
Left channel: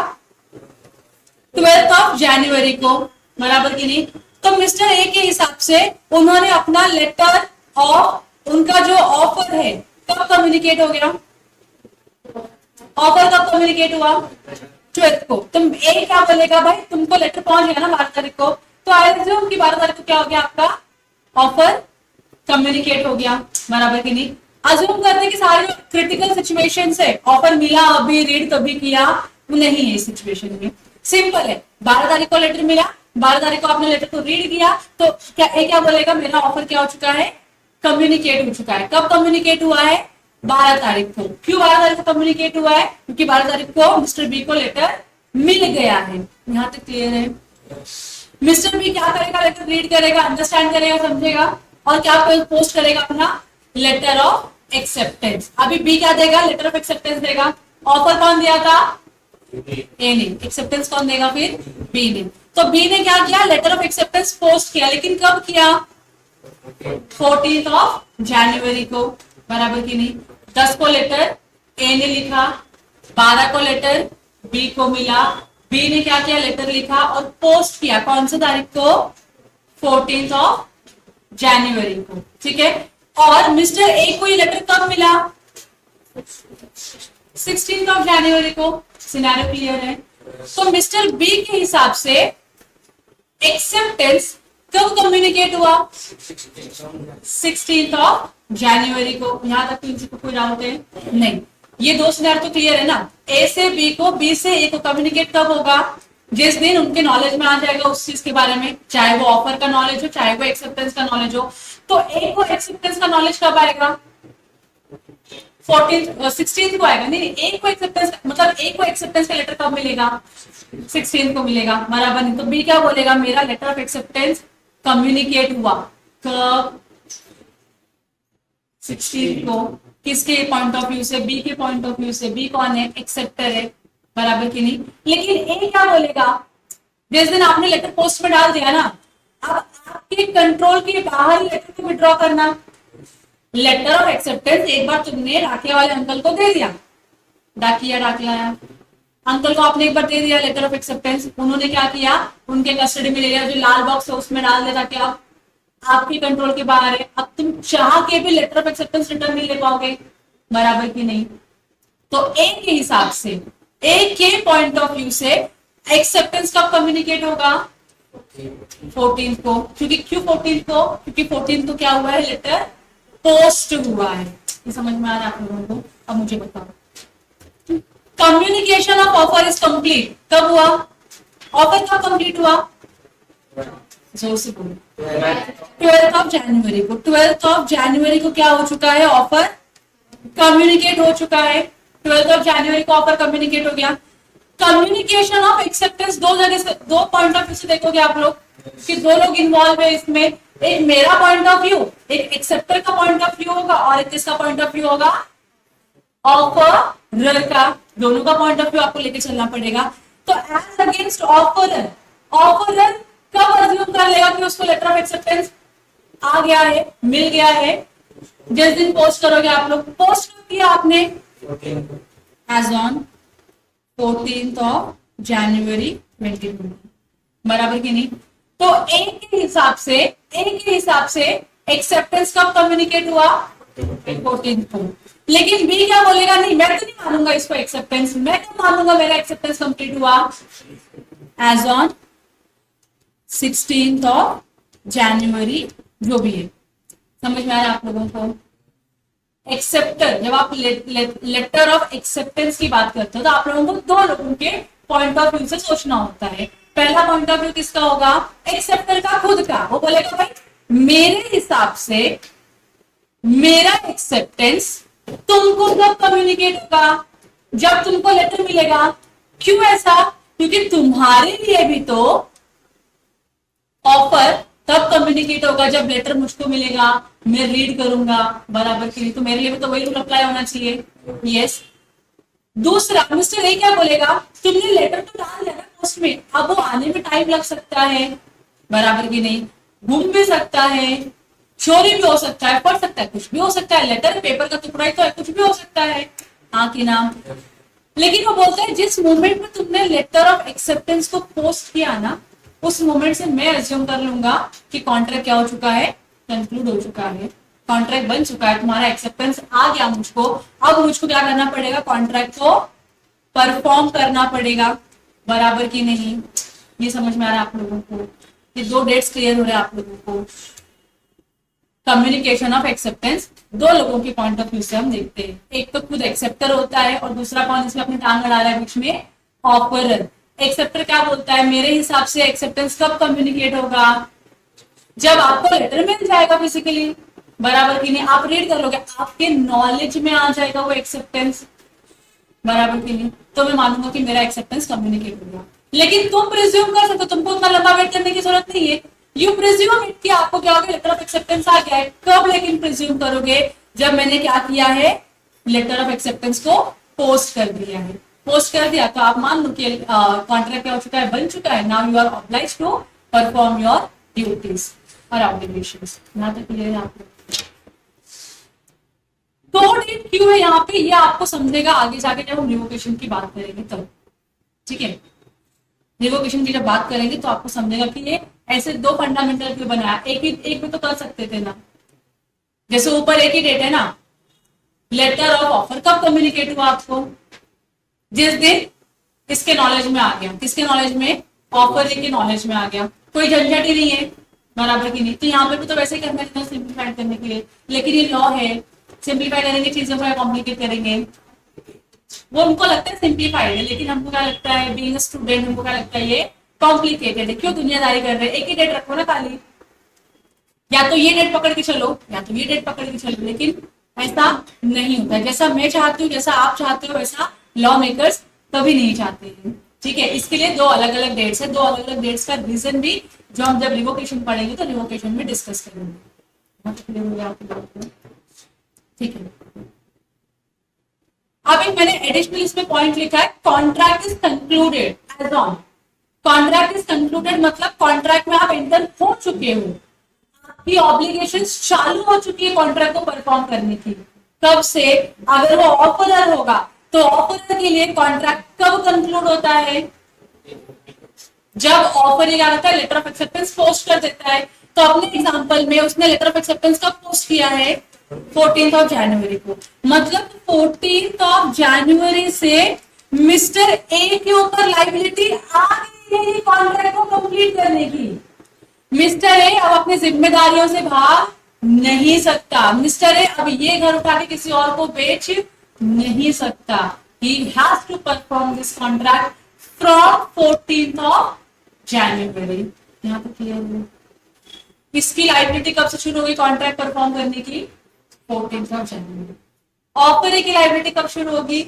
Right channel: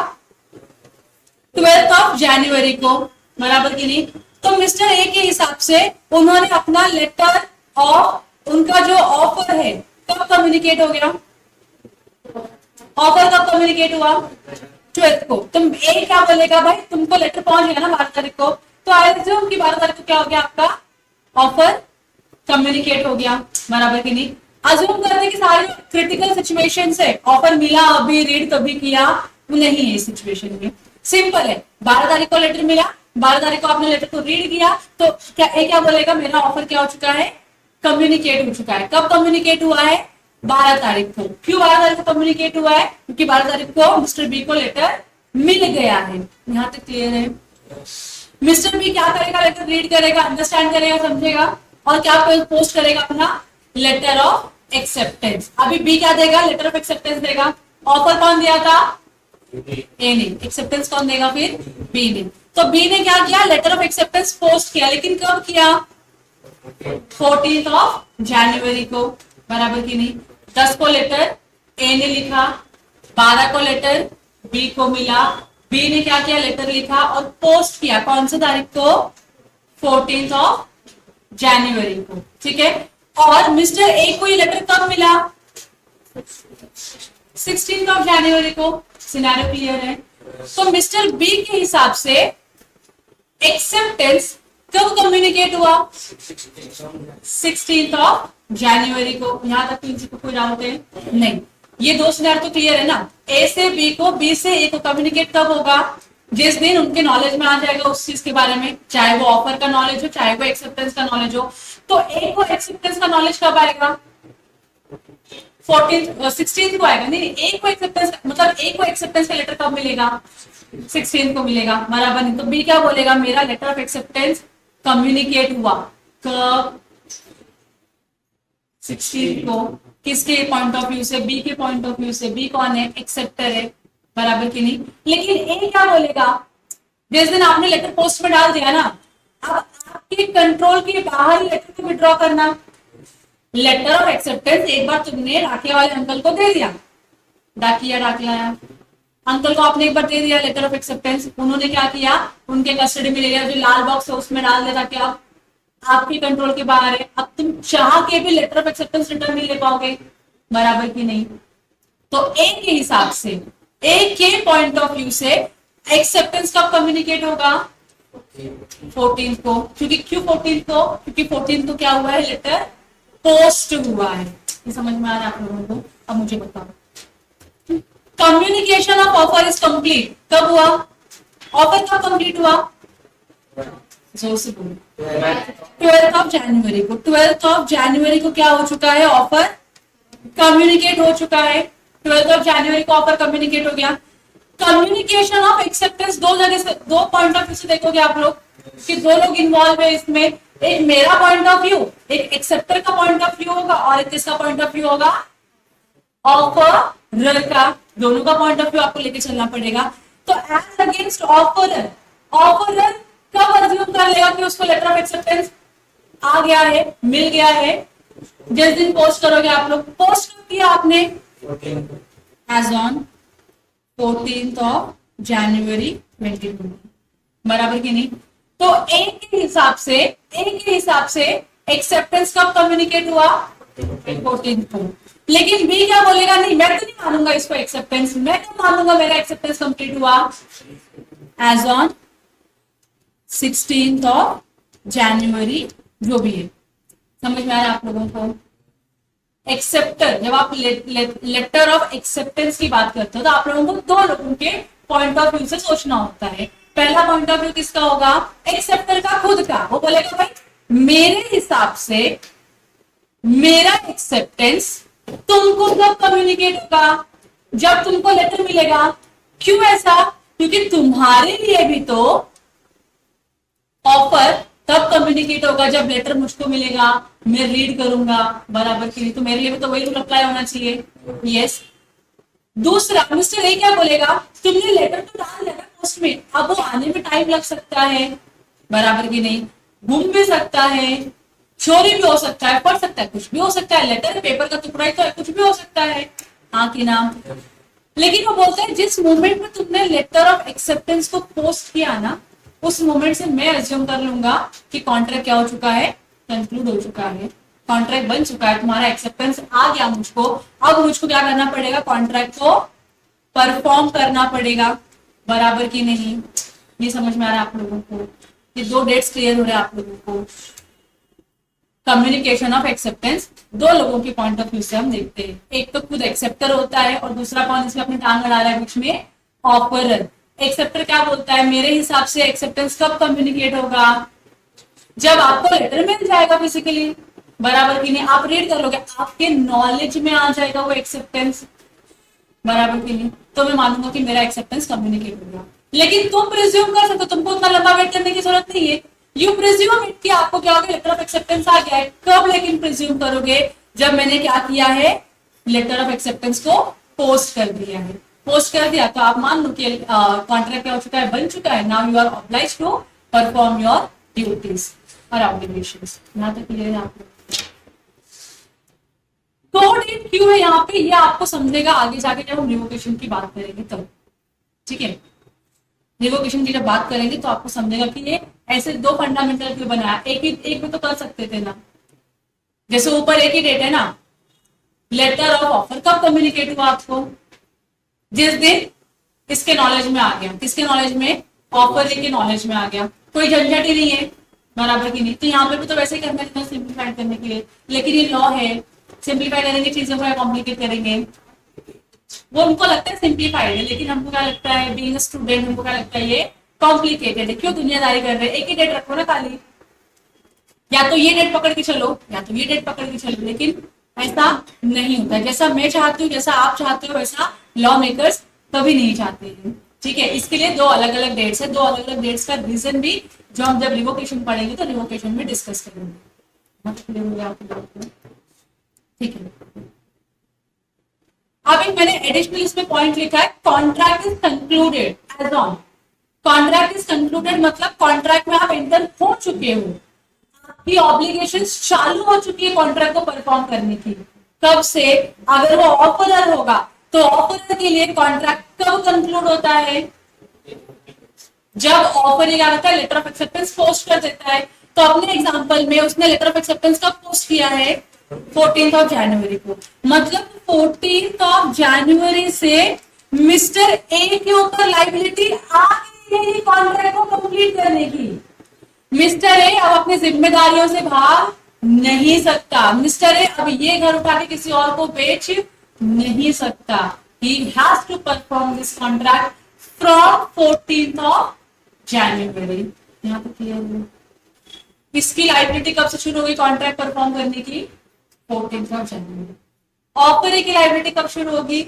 12 जनवरी को, बराबर की नहीं। तो मिस्टर ए के हिसाब से उन्होंने अपना लेटर ऑफ, उनका जो ऑफर है कब कम्युनिकेट हो गया, ऑफर कब कम्युनिकेट हुआ, 12 को। तुम ए क्या बोलेगा, भाई तुमको लेटर पहुंच गया ना 12 तारीख को, तो आई रिज्यूम की 12 तारीख को क्या हो गया, आपका ऑफर कम्युनिकेट हो गया, बराबर की नहीं। अज्यूम करते कि सारे क्रिटिकल सिचुएशन है, ऑफर मिला अभी, रीड कभी किया, नहीं है इस सिचुएशन में। सिंपल है, 12 तारीख को लेटर मिला, 12 तारीख को आपने लेटर को रीड किया, तो क्या ए क्या बोलेगा, मेरा ऑफर क्या हो चुका है, कम्युनिकेट हो चुका है। कब कम्युनिकेट हुआ है, 12 तारीख को। क्यों 12 तारीख को कम्युनिकेट हुआ है, क्योंकि 12 तारीख को मिस्टर बी को लेटर मिल गया है। यहाँ तक क्लियर है? मिस्टर बी क्या करेगा, लेटर रीड करेगा, अंडरस्टैंड करेगा, समझेगा, और क्या पोस्ट करेगा, अपना लेटर ऑफ एक्सेप्टेंस। अभी बी क्या देगा, लेटर ऑफ एक्सेप्टेंस देगा। ऑफर कौन दिया था, ए ने। एक्सेप्टेंस कौन देगा फिर, बी ने। तो बी ने क्या किया, लेटर ऑफ एक्सेप्टेंस पोस्ट किया, लेकिन कब किया, 14 जनवरी को, बराबर की नहीं। 10 को लेटर ए ने लिखा, 12 को लेटर बी को मिला, बी ने क्या किया, लेटर लिखा और पोस्ट किया, कौन सी तारीख को, 14 जनवरी को। ठीक है, और मिस्टर ए को ये लेटर कब मिला, 16 जनवरी को। सिनेरियो क्लियर है? तो मिस्टर बी के हिसाब से एक्सेप्टेंस कब कम्युनिकेट हुआ, 16 जनवरी को। यहां तक किसी को कोई डाउट है? नहीं, ये 2 सिनेरियो तो क्लियर है ना। ए से बी को, बी से ए को कम्युनिकेट कब होगा, जिस दिन उनके नॉलेज में आ जाएगा उस चीज के बारे में, चाहे वो ऑफर का नॉलेज हो, चाहे वो एक्सेप्टेंस का नॉलेज हो। तो ए को एक्सेप्टेंस का नॉलेज कब आएगा, 16 को आएगा, नहीं एक को एक्सेप्टेंस, मतलब एक को एक्सेप्टेंस का लेटर कब मिलेगा, 16 को मिलेगा, बराबर नहीं। तो बी क्या बोलेगा, मेरा लेटर ऑफ एक्सेप्टेंस कम्युनिकेट हुआ कब, 16 को। किसके पॉइंट ऑफ व्यू से, बी के पॉइंट ऑफ व्यू से। बी कौन है, एक्सेप्टर है, बराबर की नहीं। लेकिन ए क्या बोलेगा, जिस दिन आपने लेटर पोस्ट में डाल दिया ना, अब आपके कंट्रोल के बाहर लेटर को विड्रॉ करना। लेटर ऑफ एक्सेप्टेंस एक बार तुमने डाकिया वाले अंकल को दे दिया, डाकिया अंकल को आपने एक बार दे दिया लेटर ऑफ एक्सेप्टेंस, उन्होंने क्या किया, उनके कस्टडी में ले लिया, जो लाल बॉक्स है उसमें डाल दिया ताकि आप आपकी कंट्रोल के बाहर है। अब तुम चाह के भी लेटर ऑफ एक्सेप्टेंस रिटर्न नहीं ले पाओगे, बराबर की नहीं। तो ए के हिसाब से, ए के पॉइंट ऑफ व्यू से एक्सेप्टेंस कब कम्युनिकेट होगा, 14 को। क्योंकि क्यों 14 को, क्योंकि 14 को क्या हुआ है, लेटर पोस्ट हुआ है। ये समझ में आ रहा है आप लोगों को। अब मुझे बताओ, communication of offer is complete कब हुआ, ऑफर कब कंप्लीट हुआ, जोर से बोलो, 12th ऑफ जनवरी को। 12th ऑफ जनवरी को क्या हो चुका है, ऑफर कम्युनिकेट हो चुका है। 12th ऑफ जनवरी को ऑफर कम्युनिकेट हो गया। कम्युनिकेशन ऑफ एक्सेप्टेंस दो जगह से, दो पॉइंट ऑफ व्यू से देखोगे आप लोग कि दो लोग इन्वॉल्व है इसमें। एक मेरा पॉइंट ऑफ व्यू, एक एक्सेप्टर का पॉइंट ऑफ व्यू होगा, और एक किसका पॉइंट ऑफ व्यू होगा, ऑफरर का। दोनों का पॉइंट ऑफ व्यू आपको लेके चलना पड़ेगा। तो एज अगेंस्ट ऑफरर, ऑफरर कब अज्यूम कर लेगा कि उसको लेटर ऑफ एक्सेप्टेंस आ गया है, मिल गया है, जिस दिन पोस्ट करोगे आप लोग। पोस्ट किया आपने एज ऑन 14th ऑफ जनवरी 22, बराबर की नहीं। तो ए के हिसाब से एक्सेप्टेंस कब कम्युनिकेट हुआ, 14th को। लेकिन बी क्या बोलेगा, नहीं मैं तो नहीं मानूंगा इसको एक्सेप्टेंस, मैं तो मानूंगा मेरा एक्सेप्टेंस कंप्लीट हुआ as on 16th of January, जो भी है। समझ में आ रहा है आप लोगों को। एक्सेप्टर, जब आप लेटर ऑफ एक्सेप्टेंस की बात करते हो तो आप लोगों को दो लोगों के पॉइंट ऑफ व्यू से सोचना होता है। पहला पॉइंट ऑफ व्यू किसका होगा, एक्सेप्टर का खुद का। वो बोलेगा भाई मेरे हिसाब से मेरा एक्सेप्टेंस तुमको कब कम्युनिकेट होगा, जब तुमको लेटर मिलेगा। क्यों ऐसा, क्योंकि तुम्हारे लिए भी तो ऑफर तब कम्युनिकेट होगा जब लेटर मुझको मिलेगा, मैं रीड करूंगा, बराबर की नहीं। तो मेरे लिए भी तो वही रूल अप्लाई होना चाहिए, यस। दूसरा, मिस्टर ए क्या बोलेगा, तुमने लेटर तो डाल दिया पोस्ट में, अब वो आने में टाइम लग सकता है, बराबर की नहीं, गुम भी सकता है, चोरी भी हो सकता है, पढ़ सकता है, कुछ भी हो सकता है, लेटर पेपर का टुकड़ा ही तो है, कुछ भी हो सकता है, हाँ कि ना। लेकिन वो बोलते हैं जिस मोमेंट में तुमने लेटर ऑफ एक्सेप्टेंस को पोस्ट किया ना, उस मोमेंट से मैं अज्यूम कर लूंगा कि कॉन्ट्रैक्ट क्या हो चुका है, कंक्लूड हो चुका है, कॉन्ट्रैक्ट बन चुका है, तुम्हारा एक्सेप्टेंस आ गया मुझको। अब मुझको क्या करना पड़ेगा, कॉन्ट्रैक्ट को परफॉर्म करना पड़ेगा, बराबर की नहीं। ये समझ में आ रहा है आप लोगों को, ये दो डेट्स क्लियर हो रहे हैं आप लोगों को। कम्युनिकेशन ऑफ एक्सेप्टेंस दो लोगों के पॉइंट ऑफ व्यू से हम देखते हैं, एक तो खुद एक्सेप्टर होता है और दूसरा कौन इसमें अपनी टांग अड़ा रहा है बीच में, ऑफरर। एक्सेप्टर क्या बोलता है, मेरे हिसाब से एक्सेप्टेंस कब कम्युनिकेट होगा, जब आपको लेटर मिल जाएगा फिजिकली, बराबर की नहीं, आप रीड कर लोगे, आपके नॉलेज में आ जाएगा वो एक्सेप्टेंस, बराबर की नहीं, तो मैं मानूंगा कि मेरा एक्सेप्टेंस कम्युनिकेट होगा। लेकिन तुम प्रिज्यूम कर सकते हो, तुमको उतना लंबा वेट करने की जरूरत नहीं है। यू प्रिज्यूम इट कि आपको क्या होगा, लेटर ऑफ एक्सेप्टेंस आ गया है। कब लेकिन प्रिज्यूम करोगे, जब मैंने क्या किया है, लेटर ऑफ एक्सेप्टेंस को पोस्ट कर दिया है। पोस्ट कर दिया तो आप मान लो कि कॉन्ट्रैक्ट क्या हो चुका है, बन चुका है। Now you are obliged to perform your duties और ऑब्लिगेशंस। यहाँ तक क्लियर है आपको। दो डेट क्यों है यहाँ पे, ये आपको समझेगा आगे जाके जब हम रिवोकेशन की बात करेंगे तब, ठीक है। रिवोकेशन की जब बात करेंगे तो आपको समझेगा कि ये ऐसे दो फंडामेंटल क्यों बनाया, एक में तो कर सकते थे ना, जैसे ऊपर एक ही डेट है ना, लेटर ऑफ ऑफर कब कम्युनिकेट हुआ आपको, जिस दिन इसके नॉलेज में आ गया, किसके नॉलेज में, ऑफर के नॉलेज में आ गया, कोई झंझट ही नहीं है, बराबर की नहीं। तो यहाँ पे भी तो वैसे ही करना है सिंप्लीफाइड करने के लिए, लेकिन ये लॉ है, सिंप्लीफाई करेंगे चीजों को या कॉम्प्लिकेट करेंगे, वो उनको लगता है सिंप्लीफाइड है, लेकिन हमको क्या लगता है, बीइंग स्टूडेंट हमको क्या लगता है ये कॉम्प्लिकेटेड है। क्यों दुनियादारी कर रहे हैं, एक ही डेट रखो ना खाली, या तो ये डेट पकड़ के चलो या तो ये डेट पकड़ के चलो, लेकिन ऐसा नहीं होता। जैसा मैं चाहती हूँ, जैसा आप चाहते हो, वैसा लॉ मेकर्स कभी नहीं चाहते हैं। ठीक है, इसके लिए दो अलग अलग डेट्स है, दो अलग अलग डेट्स का रीजन भी जो हम जब रिवोकेशन पढ़ेंगे तो रिवोकेशन में डिस्कस करेंगे। बहुत क्लियर हो गया आपकी बात को? ठीक है, अब एक मैंने एडिशनल इसमें पॉइंट लिखा है, contract is concluded as on. Contract is concluded मतलब कॉन्ट्रैक्ट में आप एंटर हो चुके हो, आपकी ऑब्लिगेशन चालू हो चुकी है कॉन्ट्रैक्ट को परफॉर्म करने की। कब से? अगर वो ऑफरर होगा तो ऑफरर के लिए कॉन्ट्रैक्ट कब कंक्लूड होता है? जब ऑफर आता है, लेटर ऑफ एक्सेप्टेंस पोस्ट कर देता है। तो अपने एग्जांपल में उसने लेटर ऑफ एक्सेप्टेंस कब पोस्ट किया है? 14th ऑफ जनवरी को। मतलब 14th ऑफ जनवरी से मिस्टर ए के ऊपर लाइबिलिटी आ गई है कॉन्ट्रैक्ट को कंप्लीट करने की। मिस्टर ए अब अपनी जिम्मेदारियों से भाग नहीं सकता। मिस्टर ए अब ये घर उठा के किसी और को बेच नहीं सकता। He has to perform this contract from 14th of January. यहाँ पे क्लियर है? इसकी लाइबिलिटी कब से शुरू होगी कॉन्ट्रैक्ट परफॉर्म करने की? 14th of January. ऑफर की लाइबिलिटी कब शुरू होगी?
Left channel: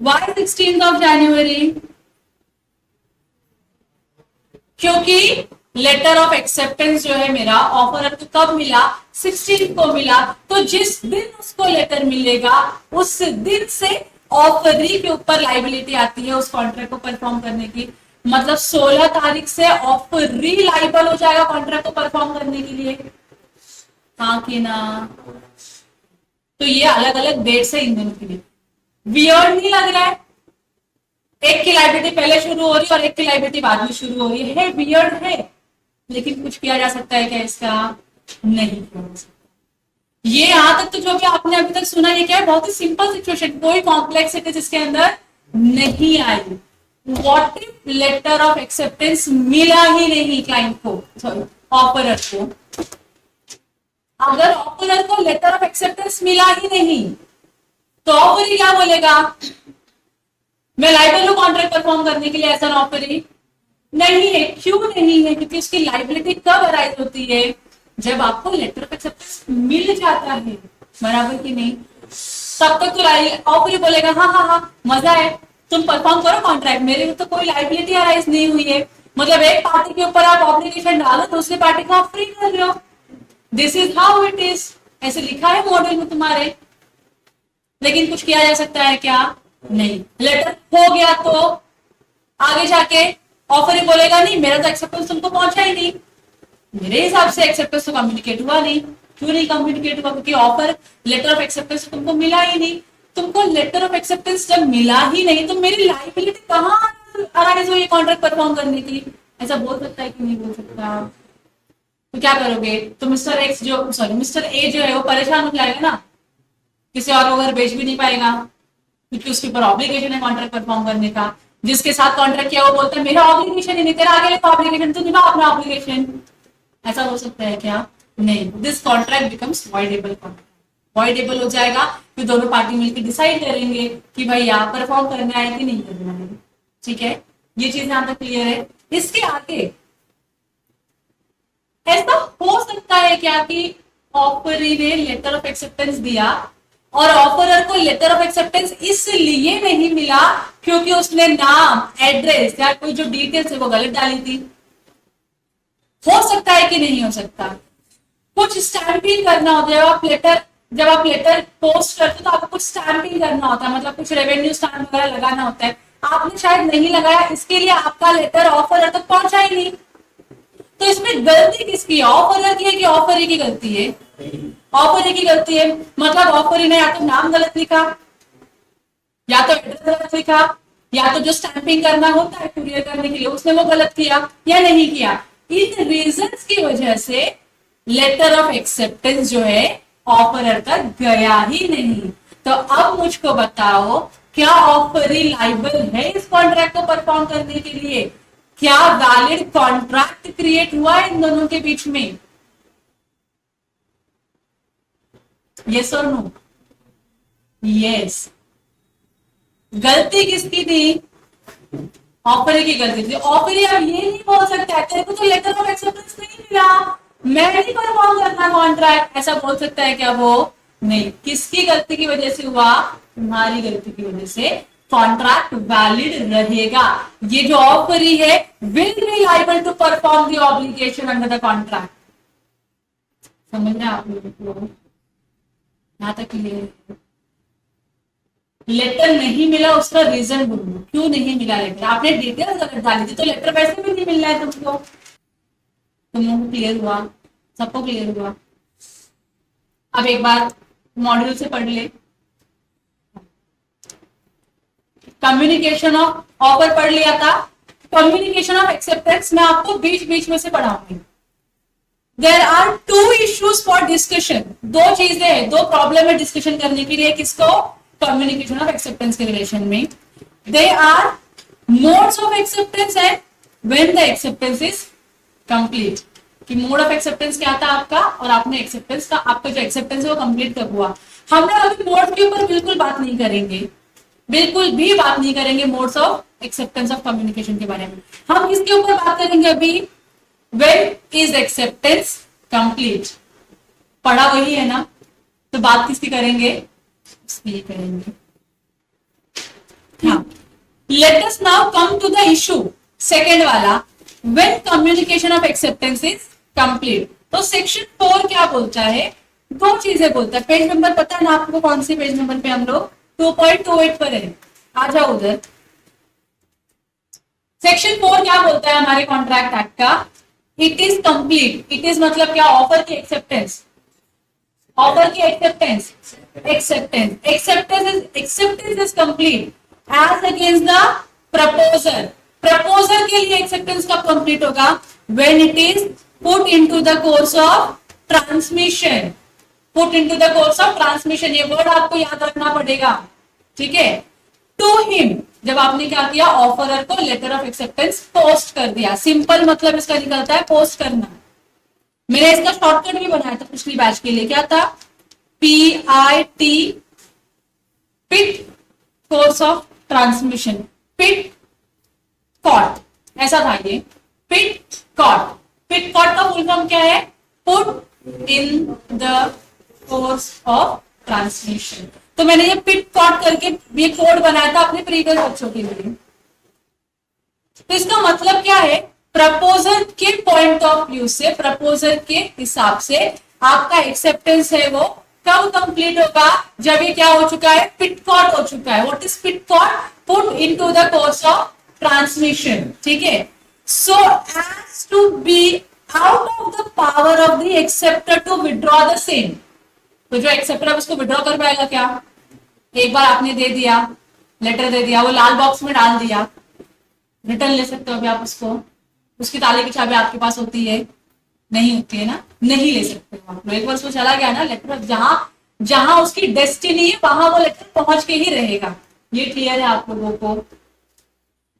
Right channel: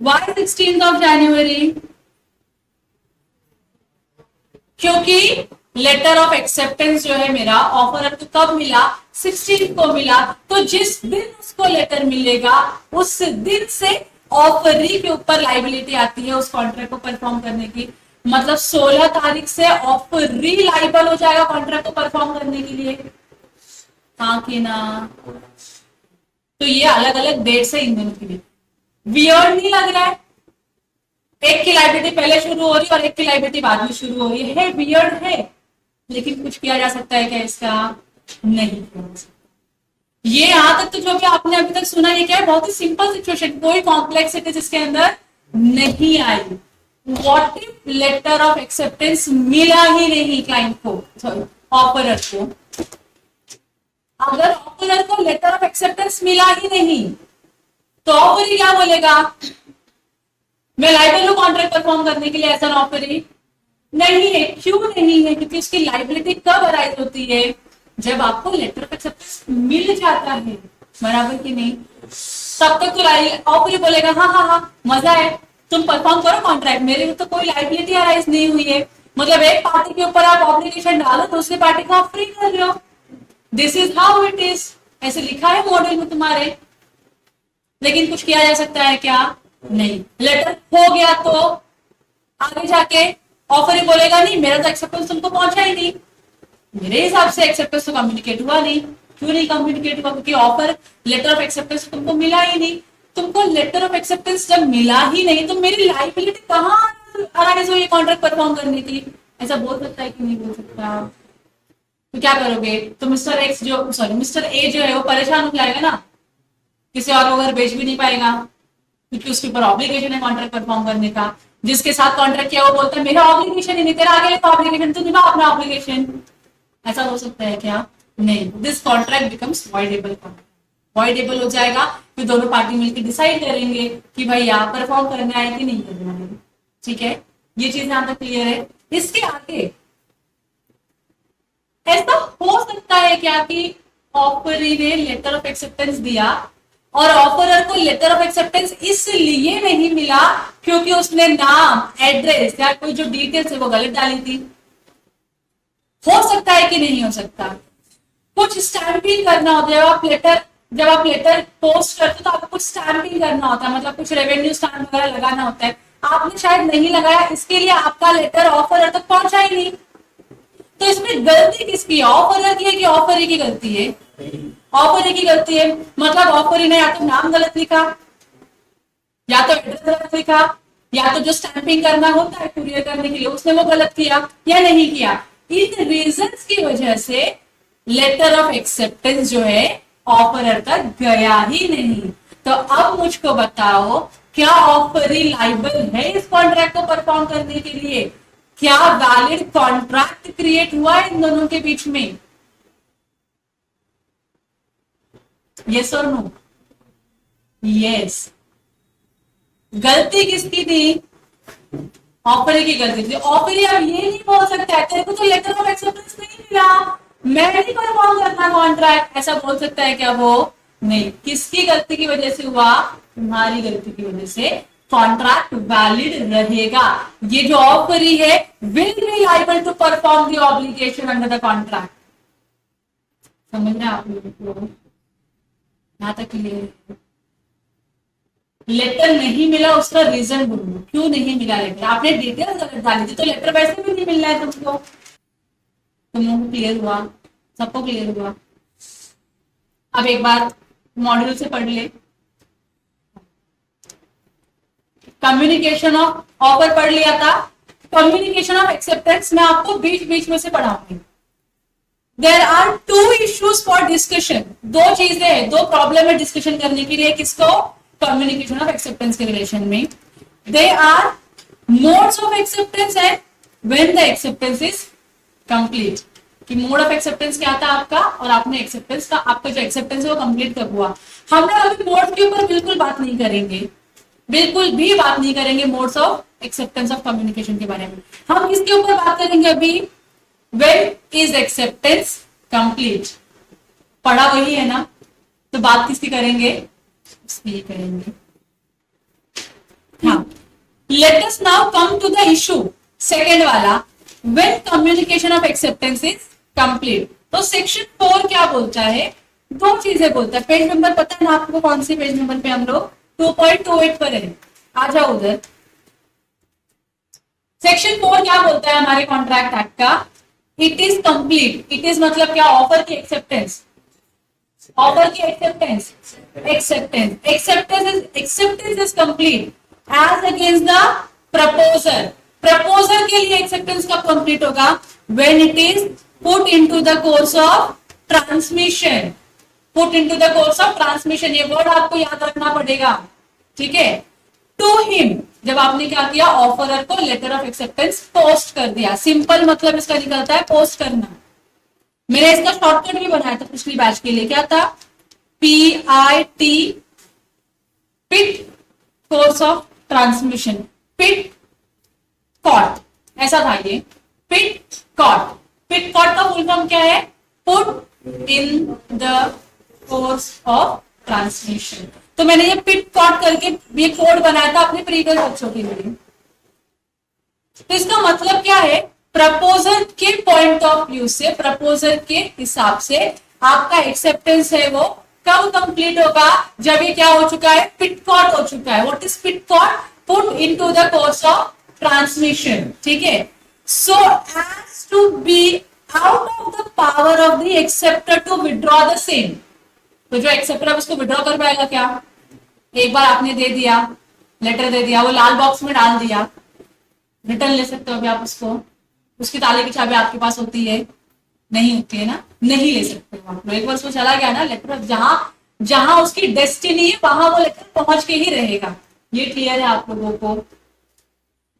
Y 16th of January? क्योंकि लेटर ऑफ एक्सेप्टेंस जो है मेरा ऑफर को कब मिला? 16 को मिला। तो जिस दिन उसको लेटर मिलेगा उस दिन से ऑफरी के ऊपर लाइबिलिटी आती है उस कॉन्ट्रैक्ट को परफॉर्म करने की। मतलब 16 तारीख से ऑफरी लाइबल हो जाएगा कॉन्ट्रैक्ट को परफॉर्म करने के लिए। हाँ कि ना? तो ये अलग अलग डेट्स है इन दोनों के लिए। वियर्ड नहीं लग रहा है? एक की लाइबिलिटी पहले शुरू हो रही है और एक की लाइबिलिटी बाद में शुरू हो रही है। वियर्ड है, लेकिन कुछ किया जा सकता है क्या इसका? नहीं किया जा सकता। ये यहां तक तो जो भी आपने अभी तक सुना, ये क्या है? बहुत ही सिंपल सिचुएशन, कोई कॉम्प्लेक्सिटीज इसके अंदर नहीं आई। What if letter of acceptance मिला ही नहीं क्लाइंट को, सॉरी ऑफरर को? अगर ऑफरर को लेटर ऑफ एक्सेप्टेंस मिला ही नहीं तो ऑफर क्या बोलेगा? मैं लाइबल हूं कॉन्ट्रैक्ट परफॉर्म करने के लिए, ऐसा ऑफर नहीं है। क्यों नहीं है? क्योंकि उसकी लाइबिलिटी कब अराइज होती है? जब आपको लेटर ऑफ एक्सेप्टेंस मिल जाता है, बराबर कि नहीं? तब तक तो ऑफर बोलेगा हाँ हाँ हाँ मजा है, तुम परफॉर्म करो कॉन्ट्रैक्ट, मेरे लिए तो कोई लाइबिलिटी अराइज नहीं हुई है। मतलब एक पार्टी के ऊपर आप ऑब्लिगेशन डालो, दूसरी पार्टी को आप फ्री कर रहे हो। This is how it is, ऐसे लिखा है मॉडल में तुम्हारे। लेकिन कुछ किया जा सकता है क्या? नहीं। लेटर हो गया तो आगे जाके ऑफर ही बोलेगा नहीं, मेरा तो एक्सेप्टेंस तुमको पहुंचा ही नहीं। मेरे हिसाब से एक्सेप्टेंस तो कम्युनिकेट हुआ नहीं। क्यों नहीं कम्युनिकेट हुआ? क्योंकि ऑफर लेटर ऑफ एक्सेप्टेंस तुमको मिला ही नहीं। तुमको लेटर ऑफ एक्सेप्टेंस जब मिला ही नहीं तो मेरी लाइबिलिटी कहाँ अराइज हुई कॉन्ट्रैक्ट परफॉर्म करने की? ऐसा बोल सकता है कि नहीं बोल सकता? तो क्या करोगे? तो मिस्टर एक्स जो, सॉरी मिस्टर ए जो है वो परेशान हो जाएगा ना, किसी और को अगर बेच भी नहीं पाएगा क्योंकि उसके ऊपर ऑब्लिगेशन है कॉन्ट्रैक्ट परफॉर्म करने का। जिसके साथ कॉन्ट्रैक्ट किया वो बोलता है मेरा ऑब्लिगेशन ही नहीं, तेरा आगे का ऑब्लिगेशन, तू निभा अपना ऑब्लिगेशन। ऐसा हो सकता है क्या? नहीं। This contract becomes voidable contract. Voidable हो जाएगा, फिर दोनों पार्टी मिलकर डिसाइड करेंगे कि भाई आप परफॉर्म करना है कि नहीं करना है। ठीक है, ये चीज यहाँ तक क्लियर है। इसके आगे ऐसा हो सकता है क्या कि ऑफरी ने लेटर ऑफ एक्सेप्टेंस दिया और ऑफरर को लेटर ऑफ एक्सेप्टेंस इसलिए नहीं मिला क्योंकि उसने नाम, एड्रेस या कोई जो डिटेल्स है वो गलत डाली थी? हो सकता है कि नहीं हो सकता? कुछ स्टैंपिंग करना होता है। जब आप लेटर पोस्ट करते हो तो आपको कुछ स्टैंपिंग करना होता है, मतलब कुछ रेवेन्यू स्टैम्प वगैरह लगाना होता है। आपने शायद नहीं लगाया, इसके लिए आपका लेटर ऑफरर तक पहुंचा ही नहीं। तो इसमें गलती किसकी है? ऑफरर की है कि ऑफरी की गलती है? ऑफरी की गलती है। मतलब ऑफरी ने या तो नाम गलत लिखा, या तो एड्रेस गलत लिखा, या तो जो स्टैंपिंग करना होता है कुरियर करने के लिए उसने वो गलत किया या नहीं किया। इन रीजंस की वजह से लेटर ऑफ एक्सेप्टेंस जो है ऑफरर तक गया ही नहीं। तो अब मुझको बताओ, क्या ऑफरी लाइबल है इस कॉन्ट्रैक्ट को परफॉर्म करने के लिए? क्या वैलिड कॉन्ट्रैक्ट क्रिएट हुआ इन दोनों के बीच में? यस और नो? यस। गलती किसकी थी? ऑफरी की गलती थी। ऑफरी अब ये नहीं बोल सकता है तेरे को तो लेटर ऑफ एक्सेप्टेंस नहीं मिला, मैं नहीं परफॉर्म करना कॉन्ट्रैक्ट, ऐसा बोल सकता है क्या वो? नहीं, किसकी गलती की वजह से हुआ? तुम्हारी गलती की वजह से कॉन्ट्रैक्ट वैलिड रहेगा। ये जो ऑफरी है will be liable to perform the obligation under the contract. समझ रहे हैं आप लोगों को? यहां तक क्लियर? लेटर नहीं मिला उसका रीजन बोलो, क्यों नहीं मिला लेटर? आपने डिटेल्स अगर डाली थी तो लेटर वैसे भी नहीं मिल रहा है तुमको। तुम लोगों को क्लियर हुआ? सबको क्लियर हुआ? अब एक बार मॉड्यूल से पढ़ ले। कम्युनिकेशन ऑफ ऑफर पढ़ लिया था। कम्युनिकेशन ऑफ एक्सेप्टेंस मैं आपको बीच बीच में से पढ़ाऊंगी। There are two issues for discussion. दो चीजें हैं, दो प्रॉब्लम है डिस्कशन करने के लिए। किसको? कम्युनिकेशन ऑफ एक्सेप्टेंस के रिलेशन में। They are modes of acceptance and when the acceptance is complete. कि मोड ऑफ एक्सेप्टेंस क्या था आपका, और आपने एक्सेप्टेंस का, आपका जो एक्सेप्टेंस है वो कंप्लीट कब हुआ। हम लोग अभी मोड के ऊपर बिल्कुल बात नहीं करेंगे, बिल्कुल भी बात नहीं करेंगे modes of acceptance of communication के बारे में। हम किसके ऊपर बात करेंगे अभी? When is acceptance complete. पढ़ा वही है ना, तो बात किसकी करेंगे? इसकी करेंगे। हाँ, let us now come to the issue second वाला, when communication of acceptance is complete. तो सेक्शन 4 क्या बोलता है? दो चीजें बोलता है। पेज नंबर पता है ना आपको कौन सी पेज नंबर पे हम लोग? 2.28 पर है। आ जाओ उधर। सेक्शन 4 क्या बोलता है हमारे कॉन्ट्रैक्ट एक्ट का? It is complete. It is मतलब क्या? ऑफर की एक्सेप्टेंस। ऑफर की acceptance, acceptance is complete as against the proposer. Proposer के लिए एक्सेप्टेंस कब कंप्लीट होगा? When it is put into the course of transmission. Put into the course of transmission, ये word आपको याद रखना पड़ेगा, ठीक है। टू हिम, जब आपने क्या किया? ऑफरर को लेटर ऑफ एक्सेप्टेंस पोस्ट कर दिया। सिंपल मतलब इसका निकलता है पोस्ट करना। मैंने इसका शॉर्टकट भी बनाया था पिछली बैच के लिए। क्या था? PIT, pit course of transmission. Pit cot, ऐसा था ये। Pit cot. पिट कॉट का फुल फॉर्म क्या है? Put in the course of transmission. तो मैंने ये पिट कॉट करके ये कोड बनाया था अपने प्रीवियस बच्चों के लिए। तो इसका मतलब क्या है? प्रपोजल के पॉइंट ऑफ व्यू से, प्रपोजल के हिसाब से आपका एक्सेप्टेंस है वो कब कंप्लीट होगा? जब ये क्या हो चुका है? पिटकॉट हो चुका है। व्हाट इज पिटकॉट? Put into the course of transmission, ठीक है। So as to be out of the power of the acceptor to withdraw the same. तो जो एक्सेप्टर है उसको विड्रॉ कर पाएगा क्या? एक बार आपने दे दिया, लेटर दे दिया, वो लाल बॉक्स में डाल दिया, रिटर्न ले सकते हो अभी आप उसको? उसकी ताले की चाबी आपके पास होती है? नहीं होती है ना, नहीं ले सकते हो आप। एक बार उसमें चला गया ना लेटर, जहां जहां उसकी डेस्टिनी है वहां वो लेटर पहुंच के ही रहेगा। ये क्लियर है आप लोगों को?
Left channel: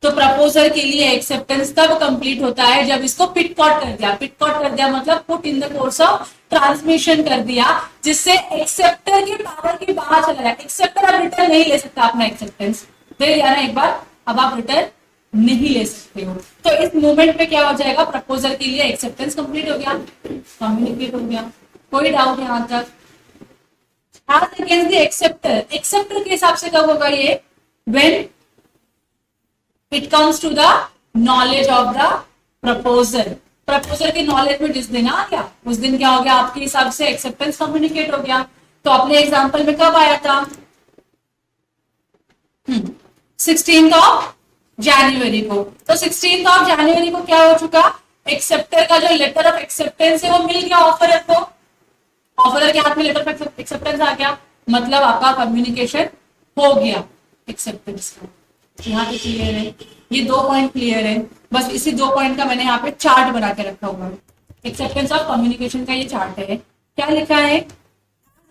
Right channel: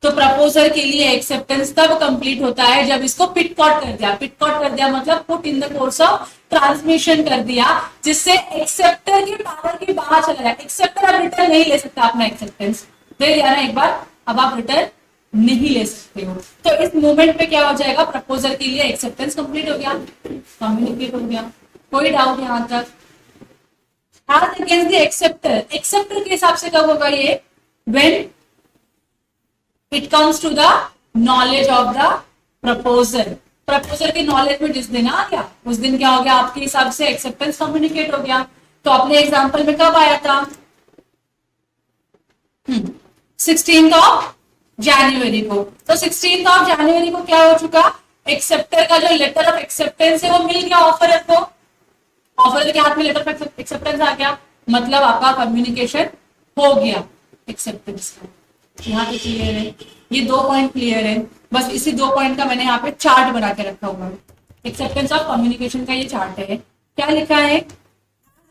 तो प्रपोजल के लिए एक्सेप्टेंस तब कंप्लीट होता है जब इसको पिटकॉट कर दिया। पिटकॉट कर दिया मतलब put in the course of transmission कर दिया, जिससे एक्सेप्टर की पावर के बाहर चला जाए। एक्सेप्टर अब रिटर्न नहीं ले सकता अपना एक्सेप्टेंस। दे दिया ना एक बार, अब आप रिटर्न नहीं ले सकते हो। तो इस मोमेंट पे क्या हो जाएगा? प्रपोजल के लिए एक्सेप्टेंस कंप्लीट हो गया, कम्युनिकेट हो गया। कोई डाउट यहां तक? As against the acceptor, acceptor के हिसाब से कब होगा ये? When it comes to the knowledge of the proposal. Proposal की नॉलेज में जिस दिन आ गया उस दिन क्या हो गया? आपके हिसाब से एक्सेप्टेंस कम्युनिकेट हो गया। तो अपने एग्जाम्पल में कब आया था? 16 ऑफ जनवरी को। तो 16 ऑफ जनवरी को क्या हो चुका? एक्सेप्टर का जो लेटर ऑफ एक्सेप्टेंस है वो मिल गया ऑफरर को। ऑफरर के हाथ में लेटर ऑफ एक्सेप्टेंस आ गया, मतलब आपका कम्युनिकेशन हो गया एक्सेप्टेंस का। यहाँ पे क्लियर है? ये 2 पॉइंट क्लियर है। बस इसी 2 पॉइंट का मैंने यहाँ पे चार्ट बना के रखा हुआ है। एक्सेप्टेंस ऑफ कम्युनिकेशन का ये चार्ट है। क्या लिखा है?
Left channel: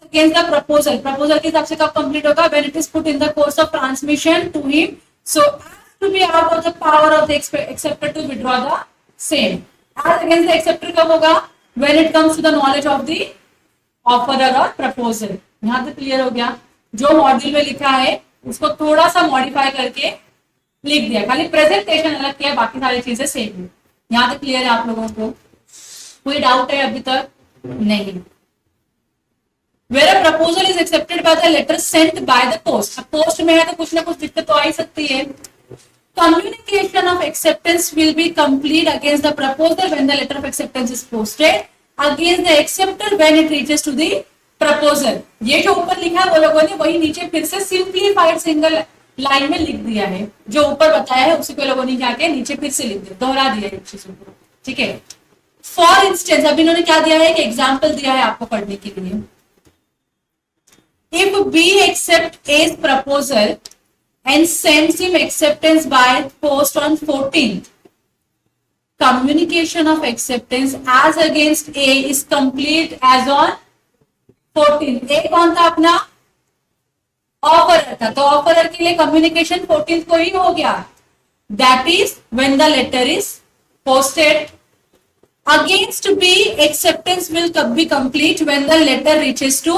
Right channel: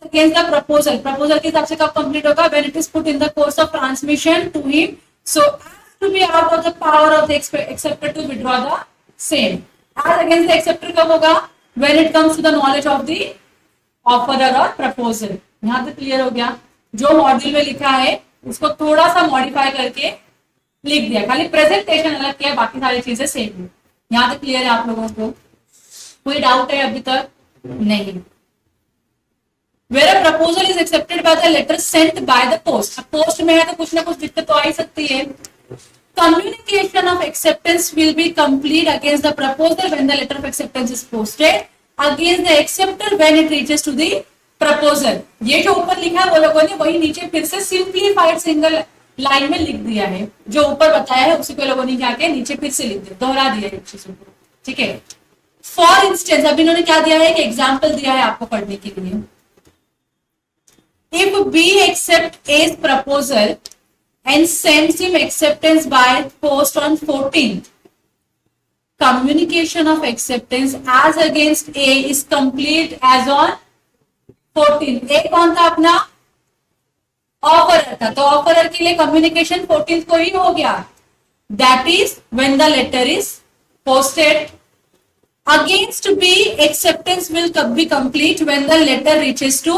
अगेंस्ट द प्रपोजल, प्रपोजल के हिसाब से कब कंप्लीट होगा? When it is put in the course of transmission to him so to be out of the power of the acceptor to withdraw the same. As against the acceptor कब होगा? When it comes to the knowledge of the offerer or proposal. यहाँ तक clear हो गया? जो module में लिखा है उसको थोड़ा सा मॉडिफाई करके लिख दिया, खाली प्रेजेंटेशन अलग किया, बाकी सारी चीजें सेम है। यहाँ तक क्लियर है आप लोगों को? कोई डाउट है अभी तक? नहीं। Where a proposal is accepted by the letter sent by the post, post में है तो कुछ ना कुछ दिक्कत तो आ ही सकती है। Communication of acceptance will be complete against the proposer when the letter of acceptance is posted against the acceptor when it reaches to the proposer। ये जो ऊपर लिखा है वो लोगों ने वही नीचे फिर से सिंप्लीफाइड सिंगल लाइन में लिख दिया है, जो ऊपर बताया है उसी को लोगों ने क्या किया नीचे फिर से लिख दिया, दोहरा दिया है चीजों को, ठीक है। फॉर इंस्टेंस अब इन्होंने क्या दिया है कि एग्जाम्पल दिया है आपको पढ़ने के लिए। If B accept A's proposal and sends him acceptance by post on 14th, communication of acceptance as against A is complete as on 14th। A कौन था अपना ऑफरर था, तो ऑफरर के लिए कम्युनिकेशन 14th को ही हो गया, that is when the letter is posted. Against B acceptance will be complete when the letter reaches to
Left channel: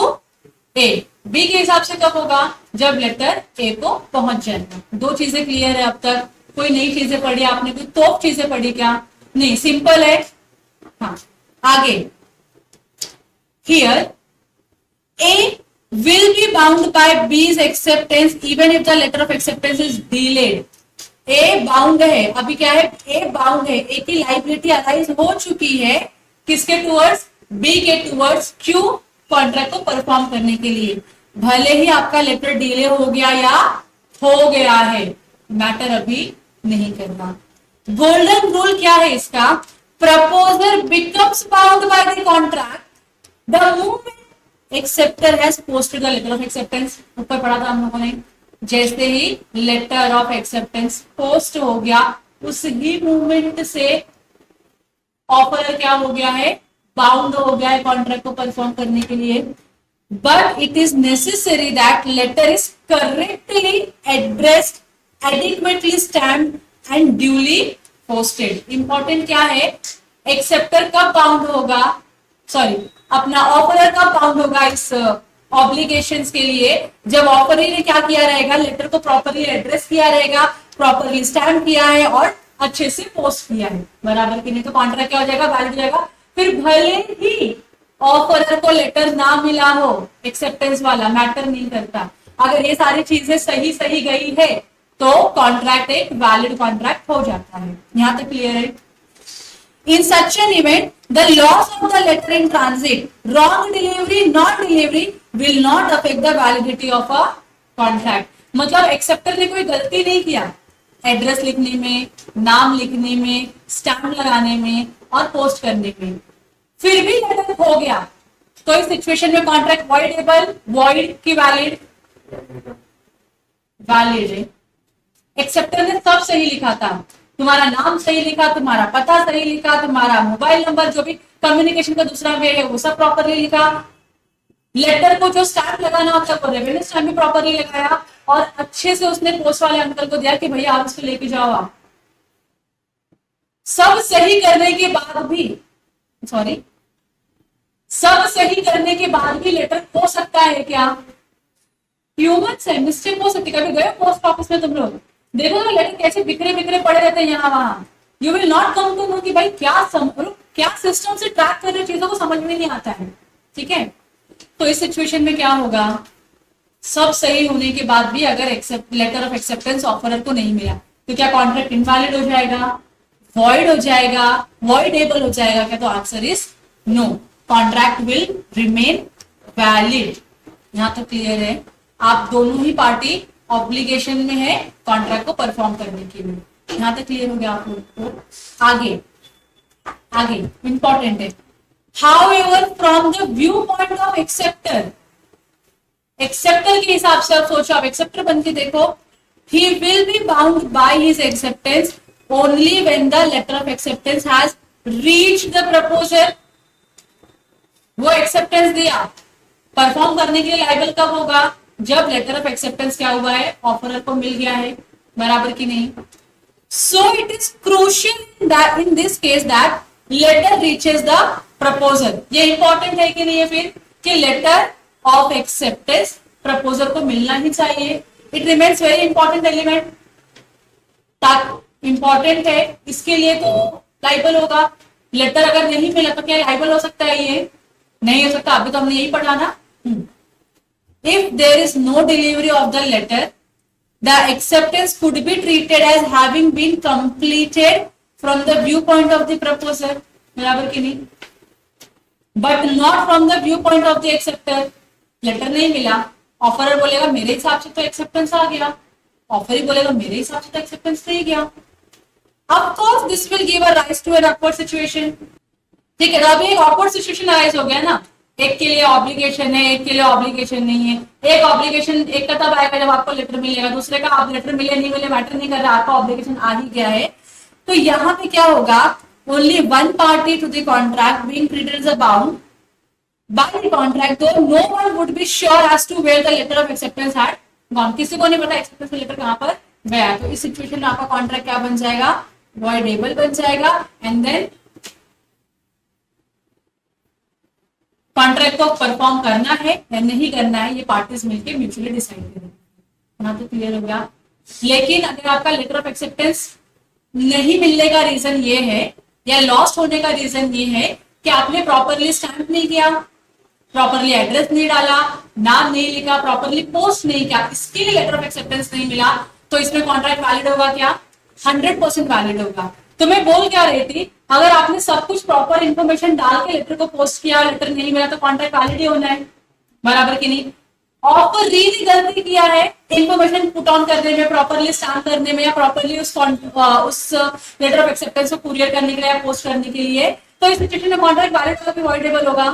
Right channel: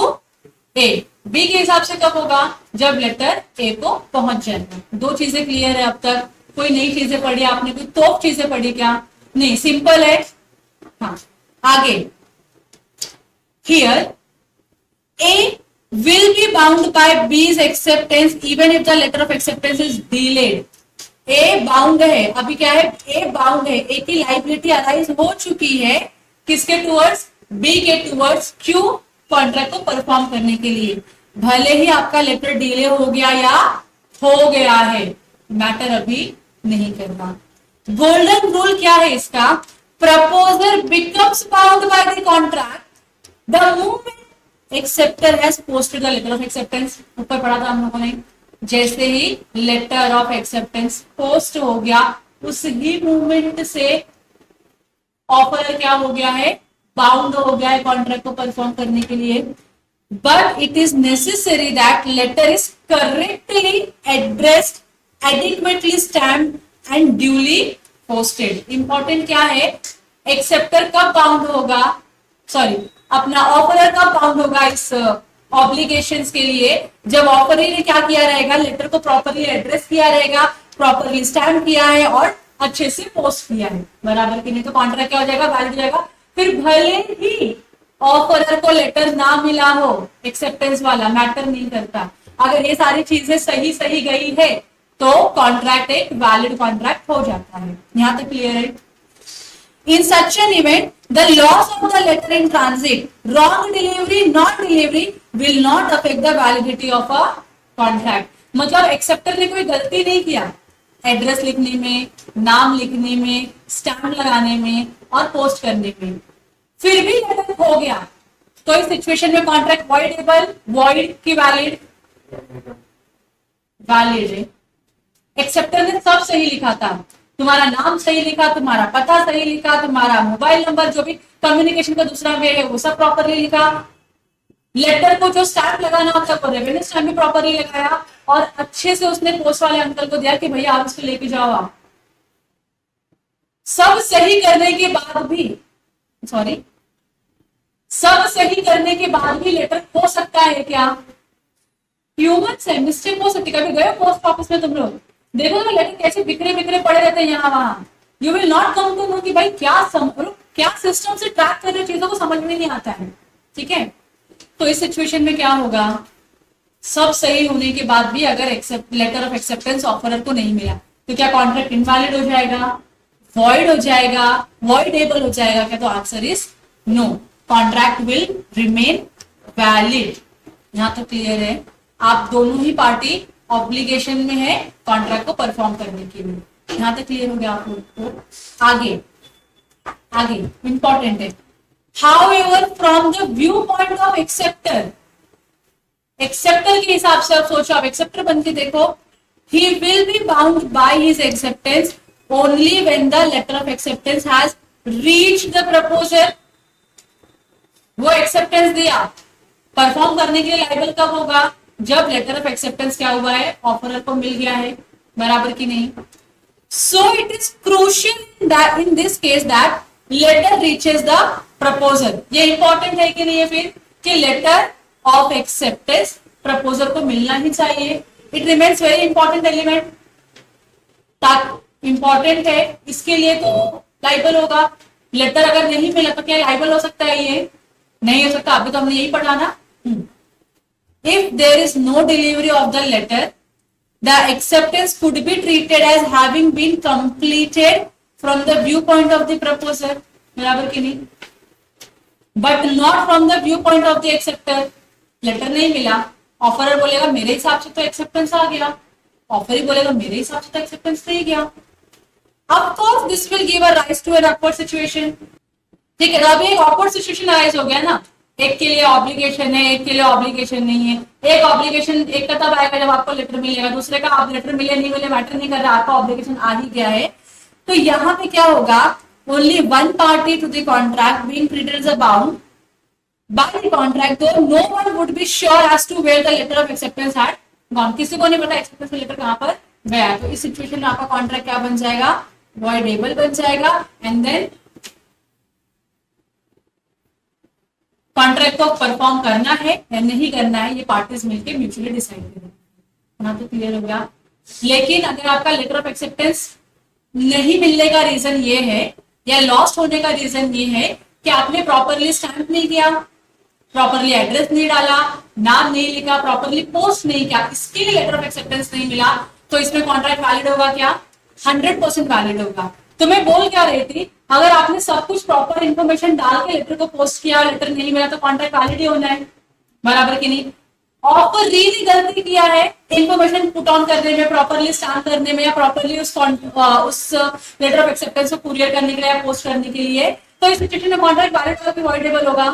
A। B के हिसाब से कब होगा, जब लेटर ए को पहुंच जाएगा। दो चीजें क्लियर है अब तक, कोई नई चीजें पढ़ी आपने, कोई तो चीजें पढ़ी क्या, नहीं, सिंपल है। हाँ आगे, here A will be bound by B's acceptance even if the letter of acceptance is delayed. A bound है, अभी क्या है, ए बाउंड है, ए की लाइबिलिटी अराइज हो चुकी है किसके टूवर्ड्स, बी के टूवर्ड्स, क्यों, कॉन्ट्रैक्ट को परफॉर्म करने के लिए। भले ही आपका लेटर डिले हो गया या हो गया है, मैटर अभी नहीं करना। गोल्डन रूल क्या है इसका, proposer becomes bound by the contract the moment acceptor has posted the letter of acceptance. ऊपर पढ़ा था हम लोगों ने, जैसे ही लेटर ऑफ एक्सेप्टेंस पोस्ट हो गया उस ही मूवमेंट से ऑफर क्या हो गया है, बाउंड हो गया है कॉन्ट्रैक्ट को परफॉर्म करने के लिए। But it is necessary that letter is correctly addressed, adequately stamped and duly posted. Important क्या है, एक्सेप्टर कब बाउंड होगा, सॉरी अपना ऑफरर कब बाउंड होगा इस ऑब्लिगेशंस के लिए, जब ऑफरर ने क्या किया रहेगा, लेटर को प्रॉपरली एड्रेस किया रहेगा, प्रॉपरली स्टैम्प किया है और अच्छे से पोस्ट किया है, बराबर की नहीं तो कॉन्ट्रैक्ट क्या हो जाएगा, वैलिड हो जाएगा। फिर भले ही ऑफरर को लेटर ना मिला हो, एक्सेप्टेंस वाला मैटर नहीं करता, अगर ये सारी चीजें सही सही गई है तो कॉन्ट्रैक्ट एक वैलिड कॉन्ट्रैक्ट हो जाता है। यहां तक क्लियर है। In such an event the loss of the letter in transit, wrong delivery, non delivery will not affect the validity of a contract. मतलब एक्सेप्टर ने कोई गलती नहीं किया एड्रेस लिखने में, नाम लिखने में, स्टैम्प लगाने में और पोस्ट करने में, फिर भी लेटर हो गया तो इस सिचुएशन में कॉन्ट्रैक्ट वॉइडेबल, वॉइड की वैलिड, वैलिड है। एक्सेप्टर ने सब सही लिखा था, तुम्हारा नाम सही लिखा, तुम्हारा पता सही लिखा, तुम्हारा मोबाइल नंबर, जो भी कम्युनिकेशन का दूसरा वे है वो सब प्रॉपरली लिखा, लेटर को जो स्टैम्प लगाना होता है रेवेन्यू स्टैम्प भी प्रॉपरली लगाया और अच्छे से उसने पोस्ट वाले अंकल को दिया कि भैया आप इसको लेके जाओ। आप सब सही करने के बाद भी, सॉरी, सब सही करने के बाद भी लेटर हो सकता है क्या, ह्यूमन से मिस्टेक हो सकती है। कभी गए पोस्ट ऑफिस में तुम लोग, देखो ना लेटर कैसे बिखरे बिखरे पड़े रहते हैं यहाँ वहां, you will not come to know कि भाई क्या सिस्टम से ट्रैक कर रहे चीजों को समझ में नहीं आता है, ठीक है। तो इस सिचुएशन में क्या होगा, सब सही होने के बाद भी अगर लेटर ऑफ एक्सेप्टेंस ऑफरर को नहीं मिला तो क्या कॉन्ट्रैक्ट इनवैलिड हो जाएगा, वॉइड हो जाएगा, वॉइडेबल हो जाएगा क्या, तो answer is no, contract will remain valid. यहाँ तो क्लियर है, आप दोनों ही पार्टी ऑब्लिगेशन में है कॉन्ट्रैक्ट को परफॉर्म करने के लिए। यहाँ तक क्लियर हो गया आप लोगों को। आगे आगे इंपॉर्टेंट है, however from the view point of acceptor, acceptor के हिसाब से आप सोचो, आप एक्सेप्टर बन के देखो, he will be bound by his acceptance only when the letter of acceptance has reached the proposer। वो एक्सेप्टेंस दिया, परफॉर्म करने के लिए लायबल कब होगा, जब लेटर ऑफ एक्सेप्टेंस क्या हुआ है, ऑफरर को मिल गया है, बराबर की नहीं। So it is crucial in this case that letter reaches the proposer. ये इंपॉर्टेंट है कि नहीं है फिर, कि लेटर ऑफ एक्सेप्टेंस प्रपोजर को मिलना ही चाहिए। It remains very important element, important है, इसके लिए तो लाइबल होगा। लेटर अगर नहीं मिला तो क्या लाइबल हो सकता है, ये नहीं हो सकता। अभी तो हमने यही पढ़ा ना If there is no delivery of the letter, the acceptance could be treated as having been completed from the viewpoint of the proposer. बराबर कि नहीं? But not from the viewpoint of the acceptor. Letter नहीं मिला, offeror बोलेगा मेरे हिसाब से तो एक्सेप्टेंस आ गया, ऑफर ही बोलेगा मेरे हिसाब से तो एक्सेप्टेंस नहीं गया. Of course, this will give a rise to an awkward situation. ठीक है, अभी एक ऑकवर्ड सिचुएशन राइज हो गया ना, एक के लिए ऑब्लिगेशन है, एक के लिए ऑब्लिगेशन नहीं है. एक ऑब्लिगेशन एक का तब आएगा जब आपको लेटर मिलेगा, दूसरे का आप लेटर मिले नहीं मिले मैटर नहीं कर रहा, आपका ऑब्लिगेशन आ ही गया है. तो यहाँ पे क्या होगा, only one party to the contract being treated as a bound by the contract, तो no one would be sure as to where the letter of acceptance had gone. किसी को नहीं पता एक्सेप्टेंस का लेटर कहाँ पर गया. तो इस सिचुएशन में आपका कॉन्ट्रैक्ट क्या बन जाएगा, वॉइडेबल बन जाएगा. एंड देन कॉन्ट्रैक्ट को परफॉर्म करना है या नहीं करना है, ये पार्टीज मिलकर म्यूचुअली डिसाइड करेंगे. यहाँ तो क्लियर हो गया. लेकिन अगर आपका लेटर ऑफ एक्सेप्टेंस नहीं मिलने का रीजन ये है या लॉस्ट होने का रीजन ये है कि आपने प्रॉपरली स्टैंप नहीं किया, प्रॉपरली एड्रेस नहीं डाला, नाम नहीं लिखा, प्रॉपरली पोस्ट नहीं किया, इसके लिए लेटर ऑफ एक्सेप्टेंस नहीं मिला, तो इसमें कॉन्ट्रैक्ट वैलिड होगा क्या, 100% वैलिड होगा. तो मैं बोल क्या रही थी, अगर आपने सब कुछ प्रॉपर इन्फॉर्मेशन डाल के लेटर को पोस्ट किया, लेटर नहीं मिला, तो कॉन्ट्रैक्ट वैलिड ही होना है. बराबर कि नहीं. ऑफर रियली गलती किया है इन्फॉर्मेशन पुट ऑन करने में, प्रॉपरली स्टैम्प करने में, या प्रॉपरली उस लेटर ऑफ एक्सेप्टेंस को कुरियर करने के लिए या पोस्ट करने के लिए, तो इस सिचुएशन में कॉन्ट्रैक्ट वैलिड होगा कि वॉइडेबल होगा,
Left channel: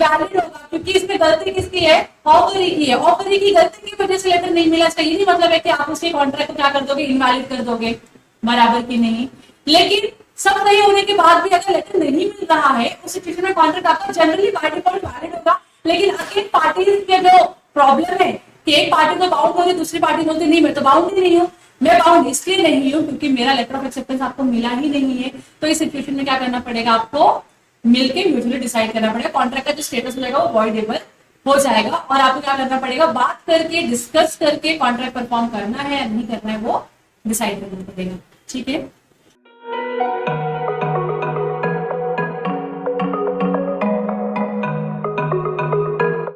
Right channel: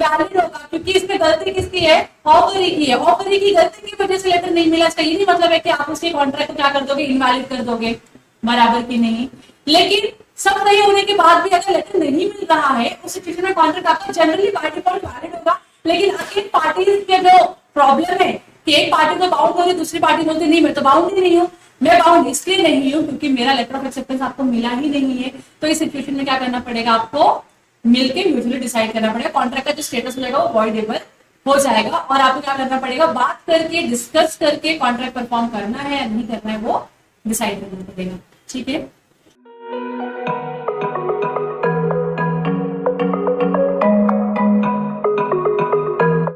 वैलिड होगा. क्योंकि इसमें गलती किसकी है, ऑफर ही की है. ऑफर ही की गलती की वजह से लेटर नहीं मिला, इसका ये नहीं मतलब है कि आप उसके कॉन्ट्रैक्ट को क्या कर दोगे, इनवैलिड कर दोगे. बराबर की नहीं. लेकिन सब सही होने के बाद भी अगर लेटर नहीं मिल रहा है, उस सिचुएशन में कॉन्ट्रैक्ट आपका जनरली बाय डिफॉल्ट वैलिड होगा. लेकिन अगेन पार्टी के जो प्रॉब्लम है कि एक पार्टी को बाउंड होगी, दूसरी पार्टी बोलती नहीं मैं तो बाउंड ही नहीं हूँ. मैं बाउंड इसलिए नहीं हूँ क्योंकि मेरा लेटर ऑफ एक्सेप्टेंस आपको मिला ही नहीं है. तो इस सिचुएशन में क्या करना पड़ेगा, आपको मिलकर म्यूचुअली डिसाइड करना पड़ेगा. कॉन्ट्रैक्ट का जो स्टेटस रहेगा वो वॉइडेबल हो जाएगा और आपको क्या करना पड़ेगा, बात करके डिस्कस करके कॉन्ट्रैक्ट परफॉर्म करना है या नहीं करना है वो डिसाइड करना पड़ेगा. ठीक है.